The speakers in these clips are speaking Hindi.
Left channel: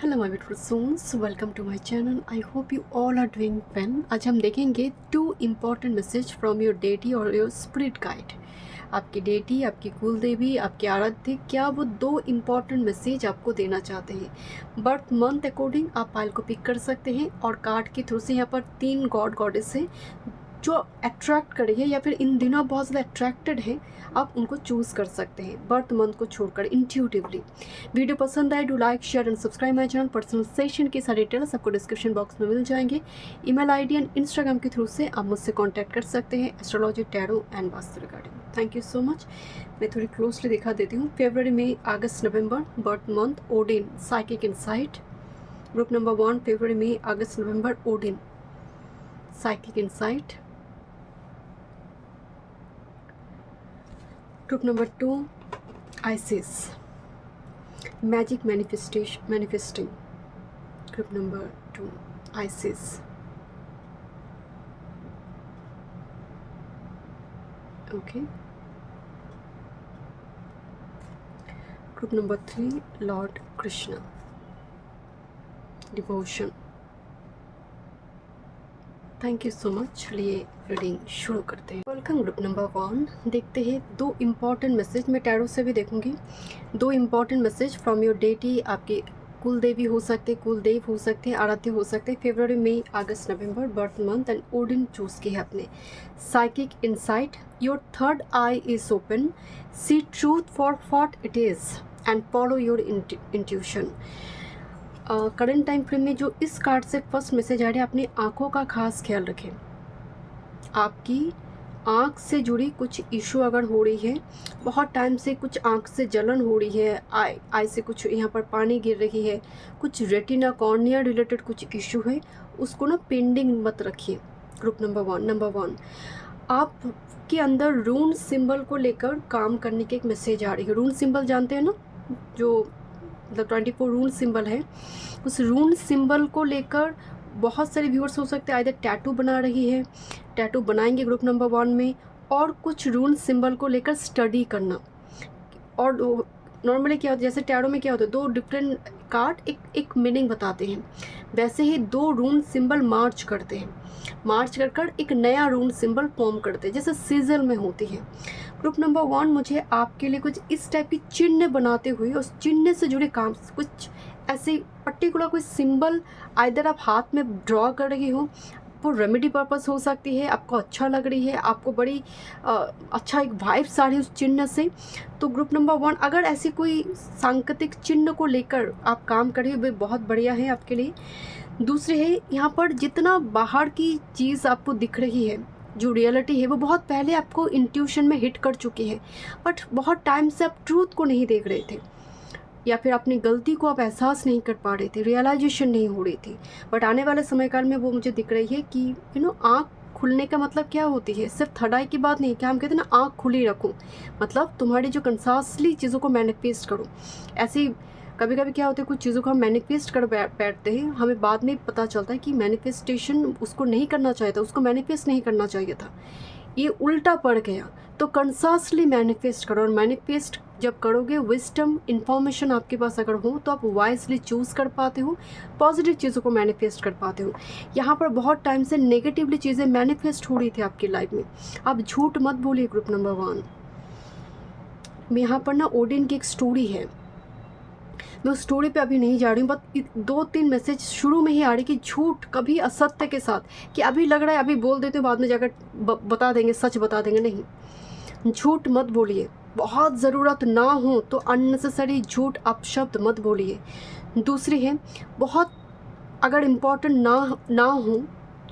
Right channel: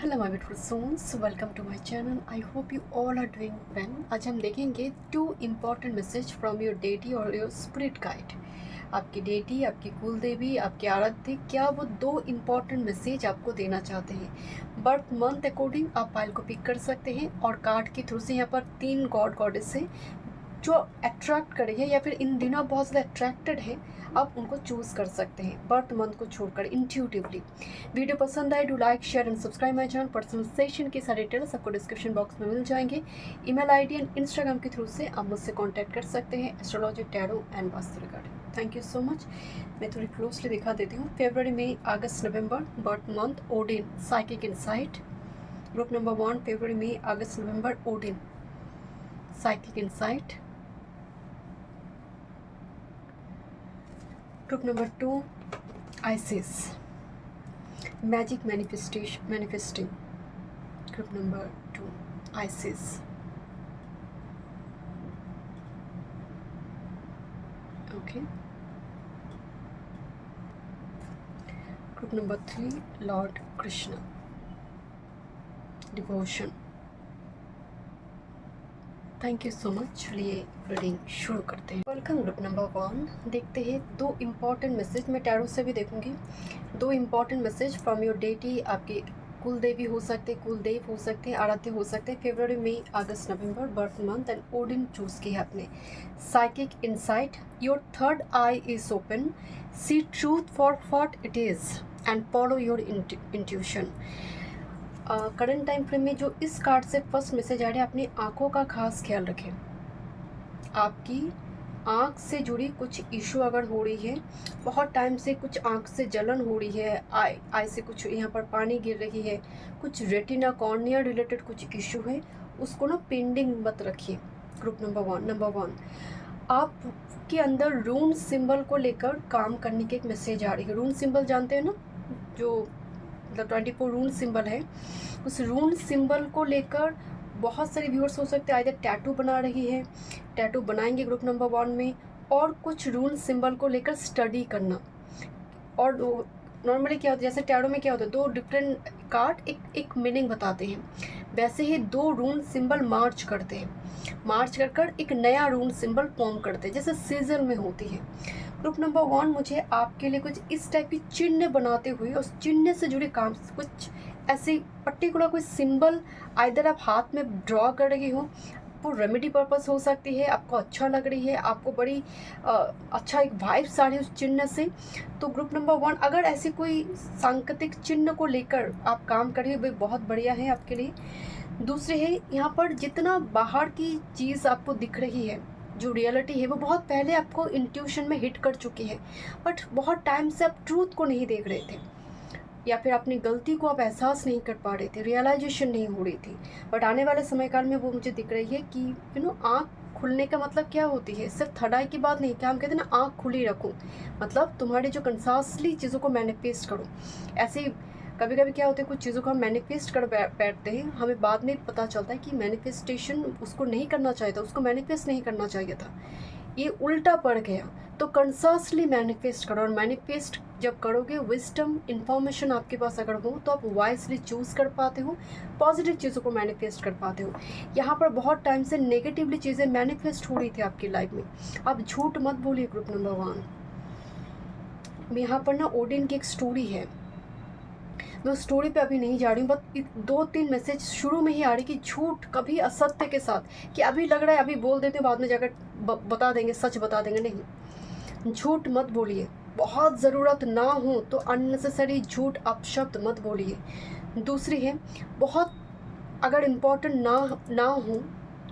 Hello my beautiful souls, welcome to my channel. I hope you all are doing well. आज हम देखेंगे 2 important message from your deity और योर स्पिरिट गाइड। आपकी डेटी, आपकी कुल देवी, आपके आराध्य, क्या वो 2 इम्पॉर्टेंट मैसेज आपको देना चाहते हैं। बर्थ मंथ अकॉर्डिंग आप फाइल को पिक कर सकते हैं और कार्ड के थ्रू से यहाँ पर 3 गॉड गॉडेस है जो अट्रैक्ट करेंगे या फिर इन दिनों बहुत ज़्यादा अट्रैक्टेड हैं, आप उनको चूज़ कर सकते हैं बर्थ मंथ को छोड़कर इंट्यूटिवली। वीडियो पसंद आए, do like share and subscribe my channel. Personal session के सारे डिटेल्स आपको डिस्क्रिप्शन बॉक्स में मिल जाएंगे। ईमेल आईडी एंड इंस्टाग्राम के थ्रू से आप मुझसे कांटेक्ट कर सकते हैं astrology, tarot and vastu regarding. Thank you so much. मैं थोड़ी क्लोजली दिखा देती हूँ। फरवरी, मई, अगस्त, नवंबर, birth month, Odin, psychic insight. Group number 1, फरवरी, मई, अगस्त, नवंबर, Odin, psychic insight. Group number 2, Isis, magic manifesting. Group number 2, Isis. Okay. Group number 3, Lord Krishna, devotion. Thank you so much. चलिए रीडिंग शुरू करते हैं। Welcome group number 1। देखते हैं 2 इम्पॉर्टेंट मैसेज। मैं टैरो से भी देखूंगी। 2 important message from your deity. आपके कुल देवी हो सकते, कुल देव हो सकते हैं, आराध्य हो सकते हैं। फरवरी, मई, अगस्त, नवंबर, birth month and Odin choose की है आपने। Psychic insight, your third eye is open, see truth for what it is and follow your intuition. Current time frame में जो इस कार्ड से फर्स्ट मैसेज आ रहा है, अपनी आंखों का खास ख्याल रखें। आपकी आंख से जुड़ी कुछ इशू अगर हो रही है, बहुत टाइम से कुछ आंख से जलन हो रही है, आई से कुछ यहाँ पर पानी गिर रही है, कुछ रेटिना कॉर्निया रिलेटेड कुछ इशू है, उसको ना पेंडिंग मत रखिए। ग्रुप नंबर 1 आपके अंदर रून सिंबल को लेकर काम करने की एक मैसेज आ रही है। रून सिंबल जानते हैं ना, जो मतलब 24 रून सिंबल है। उस रून सिंबल को लेकर बहुत सारे व्यूअर्स हो सकते हैं आइदर टैटू बना रही है, टैटू बनाएंगे ग्रुप नंबर 1 में, और कुछ रून सिंबल को लेकर स्टडी करना। और नॉर्मली क्या होता है, जैसे टैरो में क्या होता है, 2 डिफरेंट कार्ड एक मीनिंग बताते हैं, वैसे ही 2 रून सिंबल मार्च करते हैं, मार्च कर एक नया रून सिंबल फॉर्म करते हैं, जैसे सीजल में होती है। ग्रुप नंबर 1 मुझे आपके लिए कुछ इस टाइप की चिन्ह बनाते हुए, उस चिन्ह से जुड़े काम, कुछ ऐसे पर्टिकुलर कोई सिंबल आइदर आप हाथ में ड्रॉ कर रही हो, वो रेमेडी पर्पस हो सकती है, आपको अच्छा लग रही है, आपको बड़ी अच्छा एक वाइब्स आ रही है उस चिन्ह से, तो ग्रुप नंबर 1 अगर ऐसी कोई सांकेतिक चिन्ह को लेकर आप काम कर रही हो, वो बहुत बढ़िया है आपके लिए। दूसरे है, यहाँ पर जितना बाहर की चीज़ आपको दिख रही है, जो रियलिटी है, वो बहुत पहले आपको इंट्यूशन में हिट कर चुकी है, बट बहुत टाइम से आप ट्रूथ को नहीं देख रहे थे, या फिर अपनी गलती को आप एहसास नहीं कर पा रहे थे, रियलाइजेशन नहीं हो रही थी। बट आने वाले समय काल में वो मुझे दिख रही है कि आँख खुलने का मतलब क्या होती है, सिर्फ थर्ड आई की बात नहीं, क्या हम कहते हैं ना, आँख खुली रखो, मतलब तुम्हारी जो कंसासली चीज़ों को मैनिफेस्ट करो। ऐसी कभी कभी क्या होता है, कुछ चीज़ों को हम मैनिफेस्ट कर बैठते हैं, हमें बाद में पता चलता है कि मैनिफेस्टेशन उसको नहीं करना चाहिए था, उसको मैनिफेस्ट नहीं करना चाहिए था, ये उल्टा पड़ गया। तो कंसासली मैनिफेस्ट करो, और मैनिफेस्ट जब करोगे, विजडम इन्फॉर्मेशन आपके पास अगर हो, तो आप वाइजली चूज़ कर पाते हो, पॉजिटिव चीज़ों को मैनिफेस्ट कर पाते हो। यहाँ पर बहुत टाइम से नेगेटिवली चीज़ें मैनिफेस्ट हो रही थी आपकी लाइफ में, आप झूठ मत बोलिए ग्रुप नंबर 1। यहाँ पर ना ओडिन की एक स्टोरी है, मैं उस स्टोरी पे अभी नहीं जा रही हूँ, बट 2-3 मैसेज शुरू में ही आ रही कि झूठ कभी असत्य के साथ, कि अभी लग रहा है अभी बोल देते हो, बाद में जाकर बता देंगे, सच बता देंगे, नहीं, झूठ मत बोलिए। बहुत ज़रूरत ना हो तो अननेसेसरी झूठ अपशब्द मत बोलिए। दूसरी है, बहुत अगर इम्पोर्टेंट ना हो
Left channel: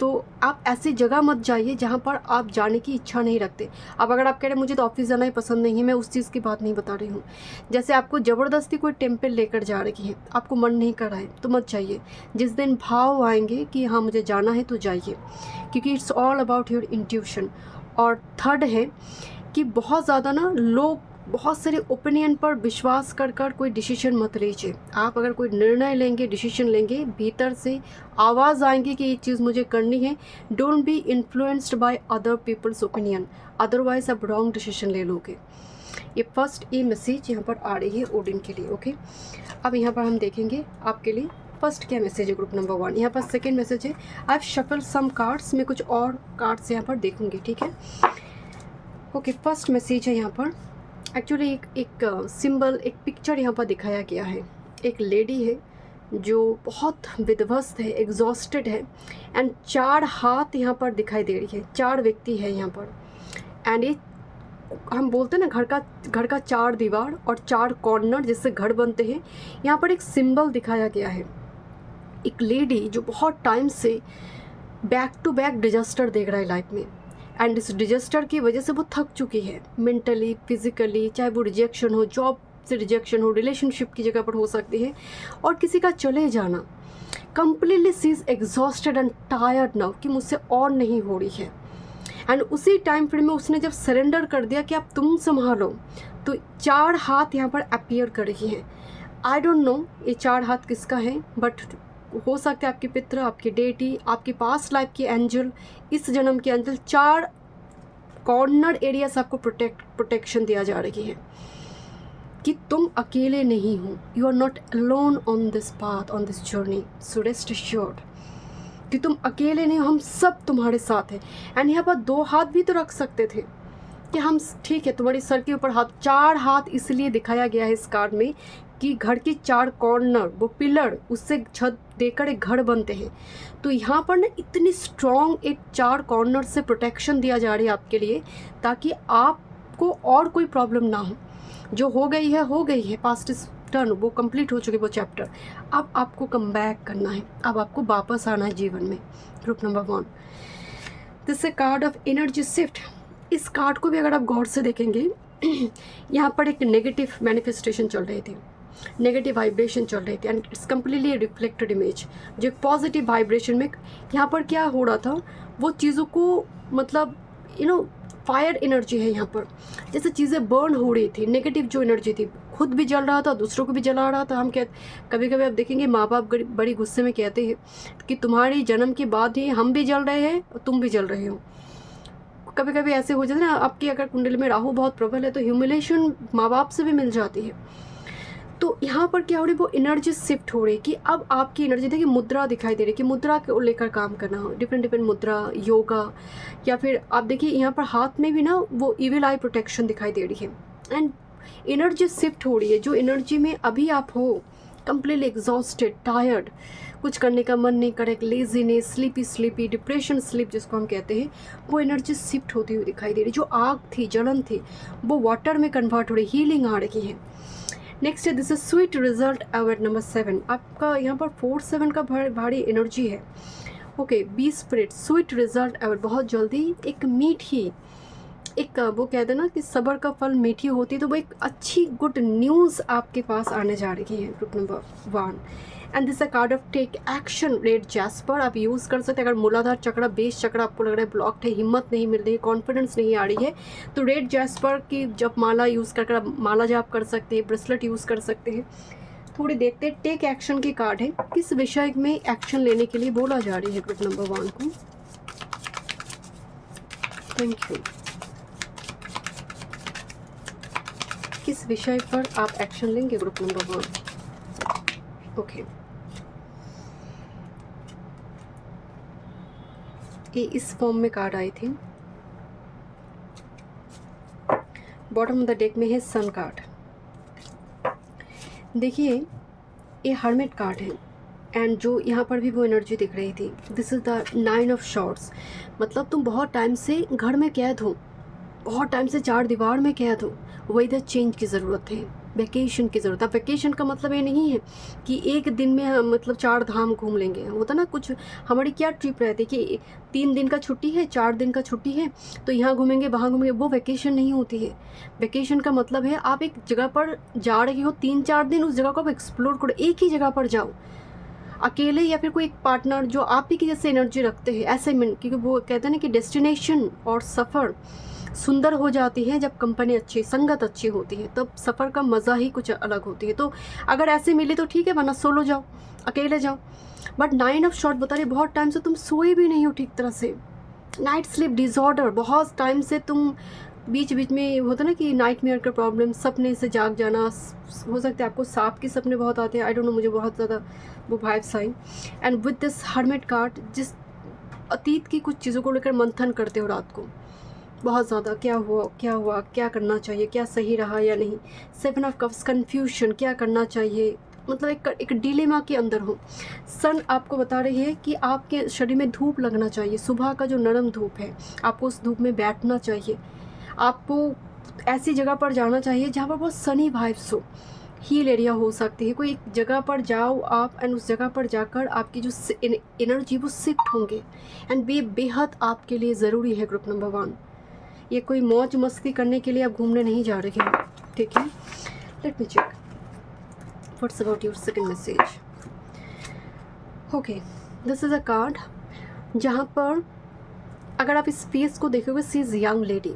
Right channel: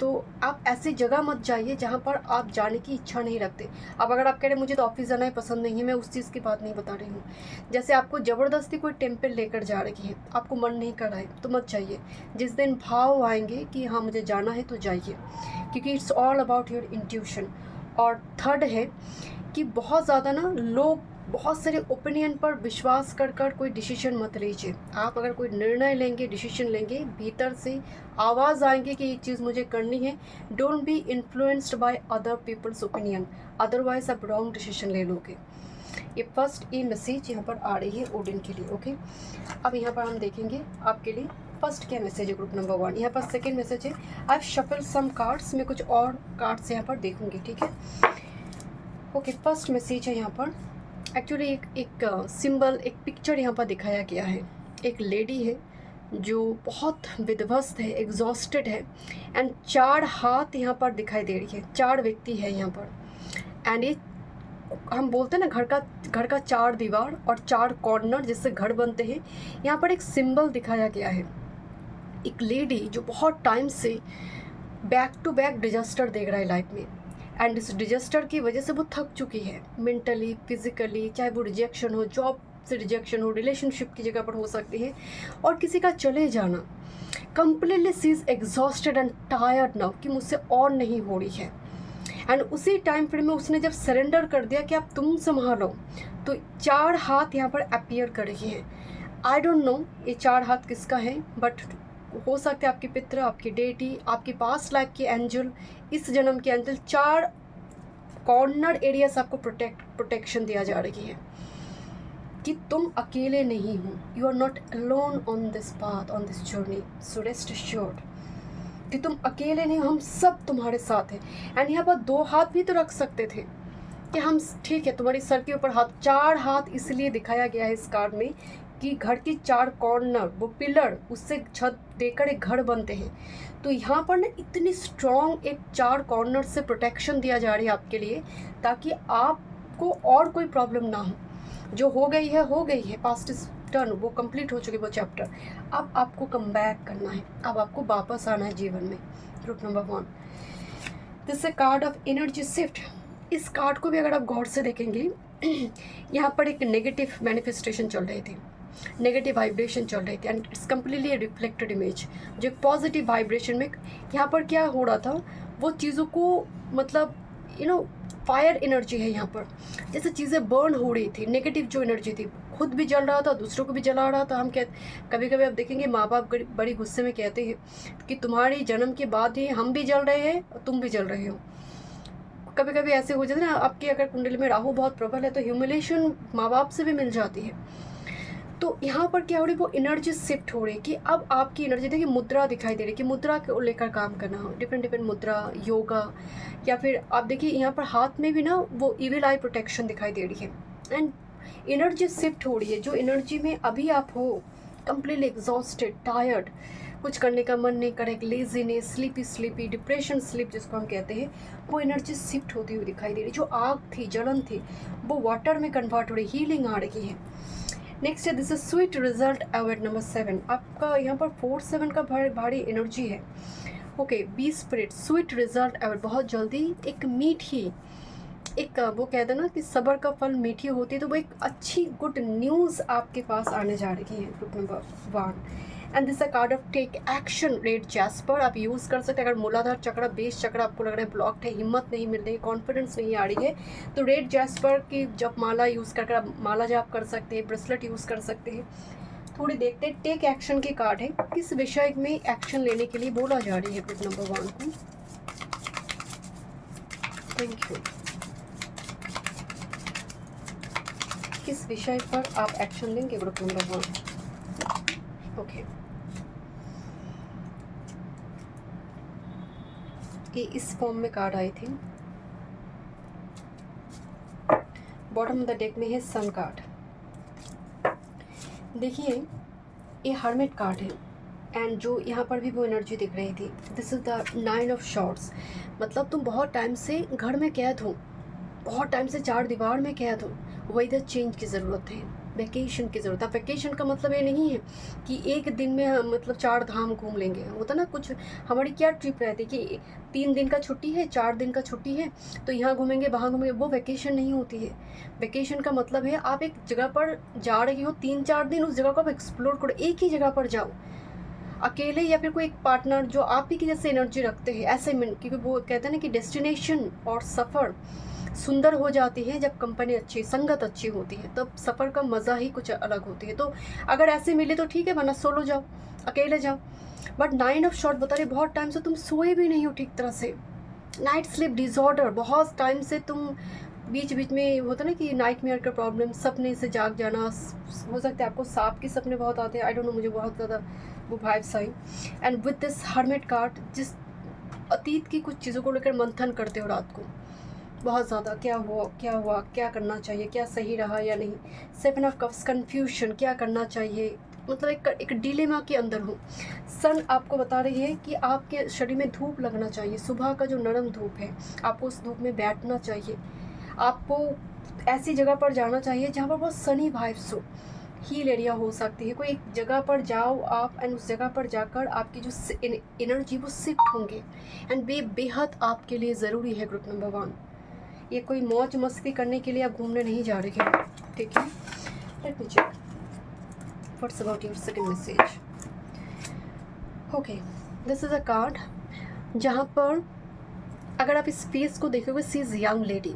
तो आप ऐसी जगह मत जाइए जहाँ पर आप जाने की इच्छा नहीं रखते। अब अगर आप कह रहे हैं मुझे तो ऑफिस जाना ही पसंद नहीं है, मैं उस चीज़ की बात नहीं बता रही हूँ। जैसे आपको ज़बरदस्ती कोई टेम्पल लेकर जा रही है, आपको मन नहीं कर रहा है, तो मत जाइए। जिस दिन भाव आएंगे कि हाँ मुझे जाना है, तो जाइए, क्योंकि it's all about your intuition. और थर्ड है कि बहुत ज़्यादा ना लोग बहुत सारे ओपिनियन पर विश्वास कर कोई डिसीजन मत लीजिए। आप अगर कोई निर्णय लेंगे, डिसीजन लेंगे, भीतर से आवाज़ आएंगे कि ये चीज़ मुझे करनी है। Don't be influenced by other peoples opinion, otherwise आप रॉन्ग डिसीजन ले लोगे। ये फर्स्ट ये मैसेज यहाँ पर आ रही है ओडिन के लिए। ओके, अब यहाँ पर हम देखेंगे आपके लिए फर्स्ट क्या मैसेज है ग्रुप नंबर 1। यहाँ पर सेकंड मैसेज है आई शफल सम कार्ड्स, मैं कुछ और कार्ड्स यहाँ पर देखूंगी, ठीक है। ओके, फर्स्ट मैसेज है यहाँ पर एक्चुअली एक सिंबल, एक पिक्चर यहाँ पर दिखाया गया है। एक लेडी है जो बहुत विध्वस्त है, एग्जॉस्टेड है, एंड 4 हाथ यहाँ पर दिखाई दे रही है, 4 व्यक्ति है यहाँ पर। एंड ये हम बोलते हैं ना घर का 4 दीवार और 4 कॉर्नर जिससे घर बनते हैं, यहाँ पर एक सिंबल दिखाया गया है। एक लेडी जो बहुत टाइम से बैक टू बैक डिजास्टर देख रहा है लाइफ में, एंड इस डिजास्टर की वजह से वो थक चुकी है मेंटली, फिजिकली, चाहे वो रिजेक्शन हो, जॉब से रिजेक्शन हो, रिलेशनशिप की जगह पर हो सकती है, और किसी का चले जाना। Completely she is exhausted and tired now कि मुझसे और नहीं हो रही है। एंड उसी टाइम फ्रेम में उसने जब सरेंडर कर दिया कि अब तुम संभालो, तो 4 हाथ यहाँ पर अपीयर कर रही हैं। आई डोंट नो ये 4 हाथ किसका है, बट हो सकता है आपके पित्र, आपकी डेटी, आपकी पास्ट लाइफ की एंजल, इस जन्म की एंजल। 4 कॉर्नर एरिया से आपको प्रोटेक्शन दिया जा रही है कि तुम अकेले नहीं हो, you are not alone on this path, on this journey, so rest assured कि तुम अकेले नहीं हो, हम सब तुम्हारे साथ हैं। एंड यहाँ पर 2 हाथ भी तो रख सकते थे कि हम ठीक है, तुम्हारी सर के ऊपर हाथ। 4 हाथ इसलिए दिखाया गया है इस कार्ड में कि घर की 4 कॉर्नर, वो पिलर, उससे छत देकर एक घर बनते हैं। तो यहाँ पर ना इतनी स्ट्रॉन्ग एक 4 कॉर्नर से प्रोटेक्शन दिया जा रही है आपके लिए, ताकि आपको और कोई प्रॉब्लम ना हो। जो हो गई है, पास्ट इज टर्न, वो कंप्लीट हो चुकी वो चैप्टर। अब आपको कम बैक करना है, अब आपको वापस आना है जीवन में। Group number 1, this a card of energy shift. इस कार्ड को भी अगर आप गौर से देखेंगे, यहाँ पर एक नेगेटिव मैनिफेस्टेशन चल रही थी, नेगेटिव वाइब्रेशन चल रही थी, and it's completely reflected image. जो पॉजिटिव वाइब्रेशन में यहाँ पर क्या हो रहा था, वो चीज़ों को मतलब फायर एनर्जी है यहाँ पर, जैसे चीज़ें बर्न हो रही थी। नेगेटिव जो एनर्जी थी, खुद भी जल रहा था, दूसरों को भी जला रहा था। हम कभी कभी आप देखेंगे माँ बाप बड़ी गुस्से में कहते हैं कि तुम्हारे जन्म के बाद ही हम भी जल रहे हैं और तुम भी जल रहे हो। कभी कभी ऐसे हो जाता है ना, आपकी अगर कुंडली में राहु बहुत प्रबल है तो ह्यूमिलेशन माँ बाप से भी मिल जाती है। तो यहाँ पर क्या हो रही है, वो एनर्जी शिफ्ट हो रही है कि अब आपकी एनर्जी, देखिए मुद्रा दिखाई दे रही है कि मुद्रा को लेकर काम करना हो, डिफरेंट मुद्रा, योगा, या फिर आप देखिए यहाँ पर हाथ में भी ना वो इविल आई प्रोटेक्शन दिखाई दे रही है। एंड एनर्जी शिफ्ट हो रही है, जो एनर्जी में अभी आप हो, कंप्लीटली एग्जॉस्टेड, टायर्ड, कुछ करने का मन नहीं करे, लेजीनेस, स्लीपी, डिप्रेशन स्लीप जिसको हम कहते हैं, वो एनर्जी शिफ्ट होती हुई दिखाई दे रही। जो आग थी, जलन थी, वो वाटर में कन्वर्ट हो रही, हीलिंग आ रही है। नेक्स्ट है this is sweet result award number 7। आपका यहाँ पर 4-7 का भारी एनर्जी है। Okay, be spirit, sweet result award, बहुत जल्दी एक मीठी, एक वो कहते हैं ना कि सब्र का फल मीठी होती है, तो वो एक अच्छी गुड न्यूज़ आपके पास आने जा रही है। Group number 1, and this a card of take action, red jasper आप यूज़ कर सकते हैं। अगर मूलाधार चक्र, बेस चक्र आपको लग रहा है ब्लॉक्ड है, हिम्मत नहीं मिल रही है, कॉन्फिडेंस नहीं आ रही है, तो रेड जैस्पर की जब माला यूज़ कर आप माला जाप कर सकते हैं, ब्रेसलेट यूज़ कर सकते हैं। थोड़ी देखते हैं, टेक एक्शन की कार्ड है, किस विषय में एक्शन लेने के लिए बोला जा रही है ग्रुप नंबर 1 को। Thank you. किस विषय पर आप एक्शन लेंगे ग्रुप नंबर 1। ओके, ये इस फॉर्म में कार्ड आई थी। बॉटम ऑफ द डेक में है सन कार्ड। देखिए ये हर्मिट कार्ड है, एंड जो यहाँ पर भी वो एनर्जी दिख रही थी, this is the 9 of shorts. मतलब तुम बहुत टाइम से घर में कैद हो, बहुत टाइम से 4 दीवार में कैद हो, वही द चेंज की ज़रूरत है, वैकेशन की ज़रूरत है। वैकेशन का मतलब ये नहीं है कि एक दिन में हम मतलब 4 धाम घूम लेंगे। होता ना, कुछ हमारी क्या ट्रिप रहती है कि 3 दिन का छुट्टी है, 4 दिन का छुट्टी है, तो यहाँ घूमेंगे, वहाँ घूमेंगे, वो वैकेशन नहीं होती है। वैकेशन का मतलब है आप एक जगह पर जा रही हो, 3-4 दिन उस जगह को आप एक्सप्लोर करो, एक ही जगह पर जाओ अकेले, या फिर कोई एक पार्टनर जो आप ही की जैसे एनर्जी रखते हैं, ऐसे में, क्योंकि वो कहते हैं ना कि डेस्टिनेशन और सफ़र सुंदर हो जाती है जब कंपनी अच्छी, संगत अच्छी होती है, तब सफ़र का मज़ा ही कुछ अलग होती है। तो अगर ऐसे मिले तो ठीक है, वरना सोलो जाओ, अकेले जाओ। बट 9 ऑफ शॉर्ट बता रही, बहुत टाइम से तुम सोए भी नहीं हो ठीक तरह से, नाइट स्लीप डिसऑर्डर, बहुत टाइम से तुम बीच बीच में होता है ना कि नाइटमेयर का प्रॉब्लम, सपने से जाग जाना, हो सकता है आपको सांप के सपने बहुत आते हैं, आई डोंट नो, मुझे बहुत ज़्यादा वो vibes I. And with this hermit card, जिस अतीत की कुछ चीज़ों को लेकर मंथन करते हो रात को बहुत ज़्यादा, क्या हुआ, क्या करना चाहिए, क्या सही रहा या नहीं। 7 ऑफ कप्स, कन्फ्यूशन, क्या करना चाहिए, मतलब एक डिलेमा के अंदर हो। सन आपको बता रही है कि आपके शरीर में धूप लगना चाहिए, सुबह का जो नरम धूप है, आपको उस धूप में बैठना चाहिए, आपको ऐसी जगह पर जाना चाहिए जहाँ पर बहुत सनी वाइब्स हो, हील एरिया हो सकती है, कोई एक जगह पर जाओ आप, एंड उस जगह पर जाकर आपकी जो एनर्जी वो शिफ्ट होंगे, एंड बेहद आपके लिए ज़रूरी है ग्रुप नंबर 1। ये कोई मौज मस्ती करने के लिए आप घूमने नहीं जा रहे हो, ठीक है। Let me check what's about your second message. Okay, this is a card जहाँ पर अगर आप इस फेस को देखोगे, she is young lady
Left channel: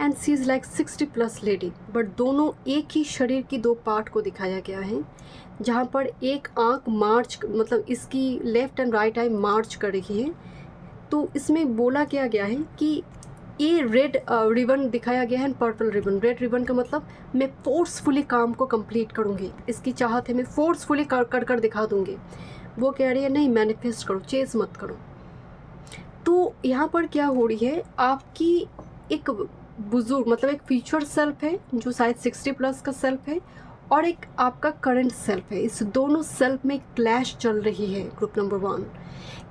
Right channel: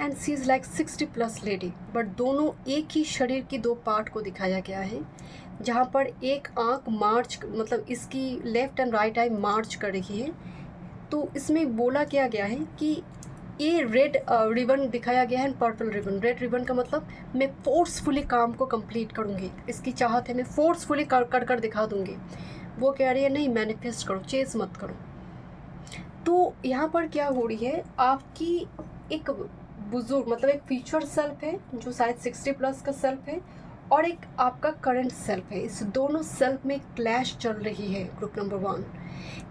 and she is like 60+ lady, but दोनों एक ही शरीर की दो पार्ट को दिखाया गया है, जहाँ पर एक आँख मार्च, मतलब इसकी लेफ्ट एंड राइट आई मार्च कर रही है। तो इसमें बोला क्या गया है कि ये रेड रिबन दिखाया गया है, पर्पल रिबन। रेड रिबन का मतलब मैं फोर्सफुली काम को कंप्लीट करूँगी, इसकी चाहत है, मैं फोर्सफुली कर दिखा दूँगी। वो कह रही है नहीं, मैनिफेस्ट करो, चेस मत करो। तो यहाँ पर क्या हो रही है, आपकी एक बुजुर्ग, मतलब एक फ्यूचर सेल्फ है जो शायद 60+ का सेल्फ है, और एक आपका करंट सेल्फ है। इस दोनों सेल्फ में क्लैश चल रही है ग्रुप नंबर 1,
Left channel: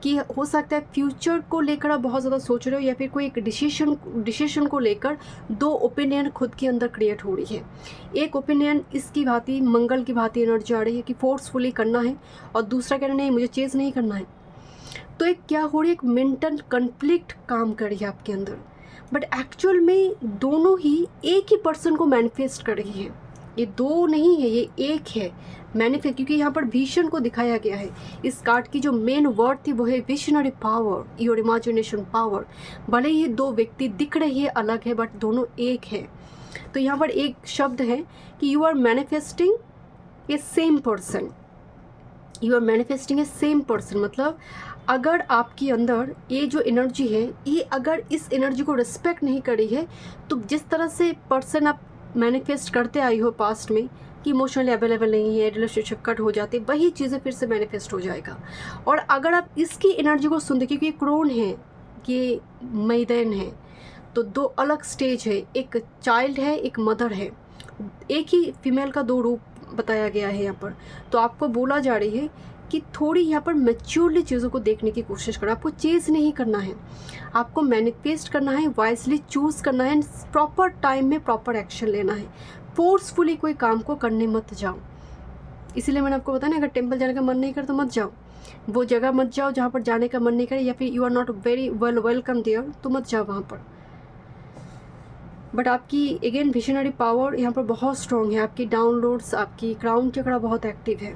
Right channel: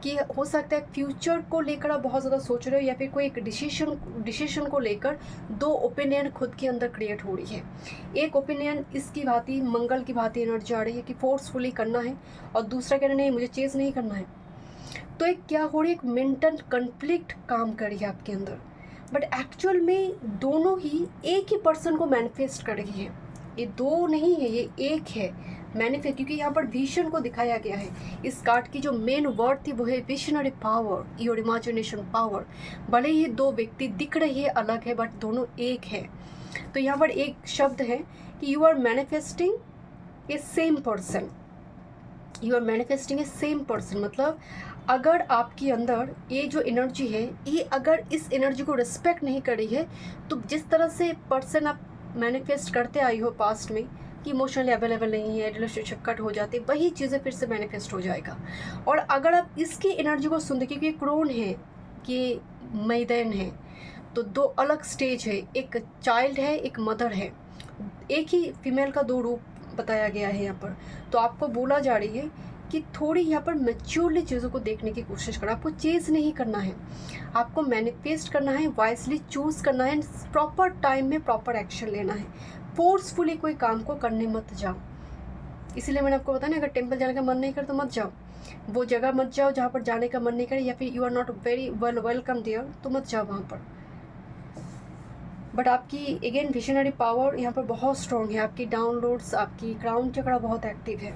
कि हो सकता है फ्यूचर को लेकर आप बहुत ज़्यादा सोच रहे हो, या फिर कोई एक डिसीजन को लेकर दो ओपिनियन खुद के अंदर क्रिएट हो रही है। एक ओपिनियन इसकी भांति, मंगल की भांति एनर्जी आ रही है कि फोर्सफुली करना है, और दूसरा कहना नहीं, मुझे चेज नहीं करना है। तो एक क्या हो रही है, एक मेंटल कन्फ्लिक्ट काम कर रही है आपके अंदर, बट एक्चुअल में दोनों ही एक ही पर्सन को मैनिफेस्ट कर रही है। ये दो नहीं है, ये एक है मैनिफेस्ट, क्योंकि यहाँ पर विजन को दिखाया गया है। इस कार्ड की जो मेन वर्ड थी वो है visionary power, your imagination power. भले ही दो व्यक्ति दिख रही है अलग है, बट दोनों एक है। तो यहाँ पर एक शब्द है कि you are manifesting a same person, you are manifesting a same person. मतलब अगर आपके अंदर ये जो एनर्जी है, ये अगर इस एनर्जी को रिस्पेक्ट नहीं कर रही है, तो जिस तरह से पर्सन आप मैनिफेस्ट करते आई हो पास्ट में कि इमोशनली अवेलेबल नहीं है, रिलेशनशिप कट हो जाते, वही चीज़ें फिर से मैनिफेस्ट हो जाएगा। और अगर आप इसकी एनर्जी को सुनते, क्योंकि ये क्रोन है, ये मैदान है, तो दो अलग स्टेज है, एक चाइल्ड है, एक मदर है, एक ही फीमेल का दो रूप बताया गया है यहाँ पर। तो आपको बोला जा रही है कि थोड़ी यहाँ पर मैच्योरली चीज़ों को देखने की कोशिश करो। आपको चेज नहीं करना है, आपको मैनिफेस्ट करना है, वाइजली चूज़ करना है, प्रॉपर टाइम में प्रॉपर एक्शन लेना है। फोर्सफुली कोई काम को करने मत जाओ। इसीलिए मैंने आपको बताया ना, अगर टेंपल जाने का मन नहीं करे तो मत जाओ, वो जगह मत जाओ जहाँ पर जाने का मन नहीं करे, या फिर you are not very welcome there, तो मत जाओ वहाँ पर। बट आपकी अगेन विजनरी पावर यहाँ पर बहुत स्ट्रॉन्ग है, आपकी डाउनलोड्स, आपकी क्राउन चक्रा बहुत एक्टिव है।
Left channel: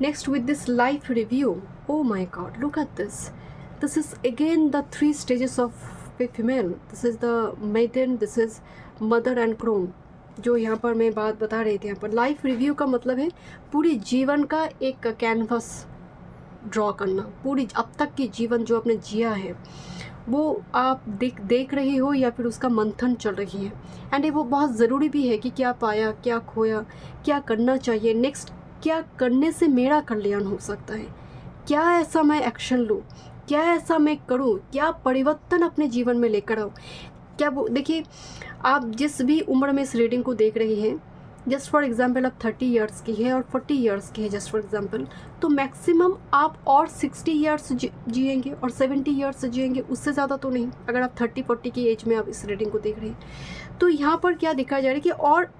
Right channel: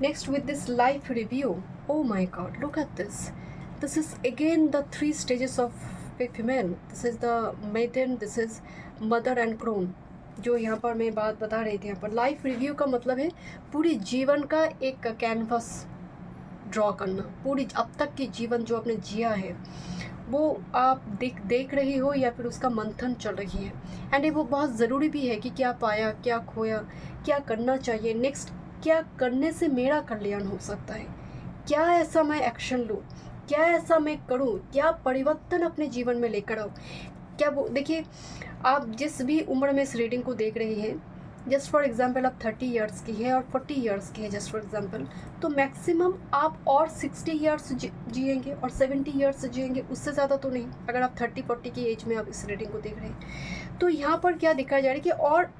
Next, with this life review, oh my god, look at this. This is again the 3 stages of a female. This is the maiden, this is mother and crone. जो यहाँ पर मैं बात बता रही थी, यहाँ पर लाइफ रिव्यू का मतलब है पूरी जीवन का एक कैनवस ड्रॉ करना। पूरी अब तक की जीवन जो आपने जिया है वो आप देख रही हो, या फिर उसका मंथन चल रही है। एंड ये वो बहुत ज़रूरी भी है कि क्या पाया, क्या खोया, क्या करना चाहिए नेक्स्ट, क्या करने से मेरा कल्याण हो सकता है, क्या ऐसा मैं एक्शन लूँ, क्या ऐसा मैं करूँ, क्या परिवर्तन अपने जीवन में लेकर आऊँ। क्या वो देखिए, आप जिस भी उम्र में इस रीडिंग को देख रही हैं, जस्ट फॉर एग्जांपल आप 30 इयर्स की है और 40 इयर्स की है जस्ट फॉर एग्जांपल, तो मैक्सिमम आप और 60 इयर्स जिएंगे और 70 इयर्स जिएंगे, उससे ज़्यादा तो नहीं। अगर आप 30-40 की एज में आप इस रीडिंग को देख रहे हैं, तो यहाँ पर क्या दिखाया जा रहा है कि और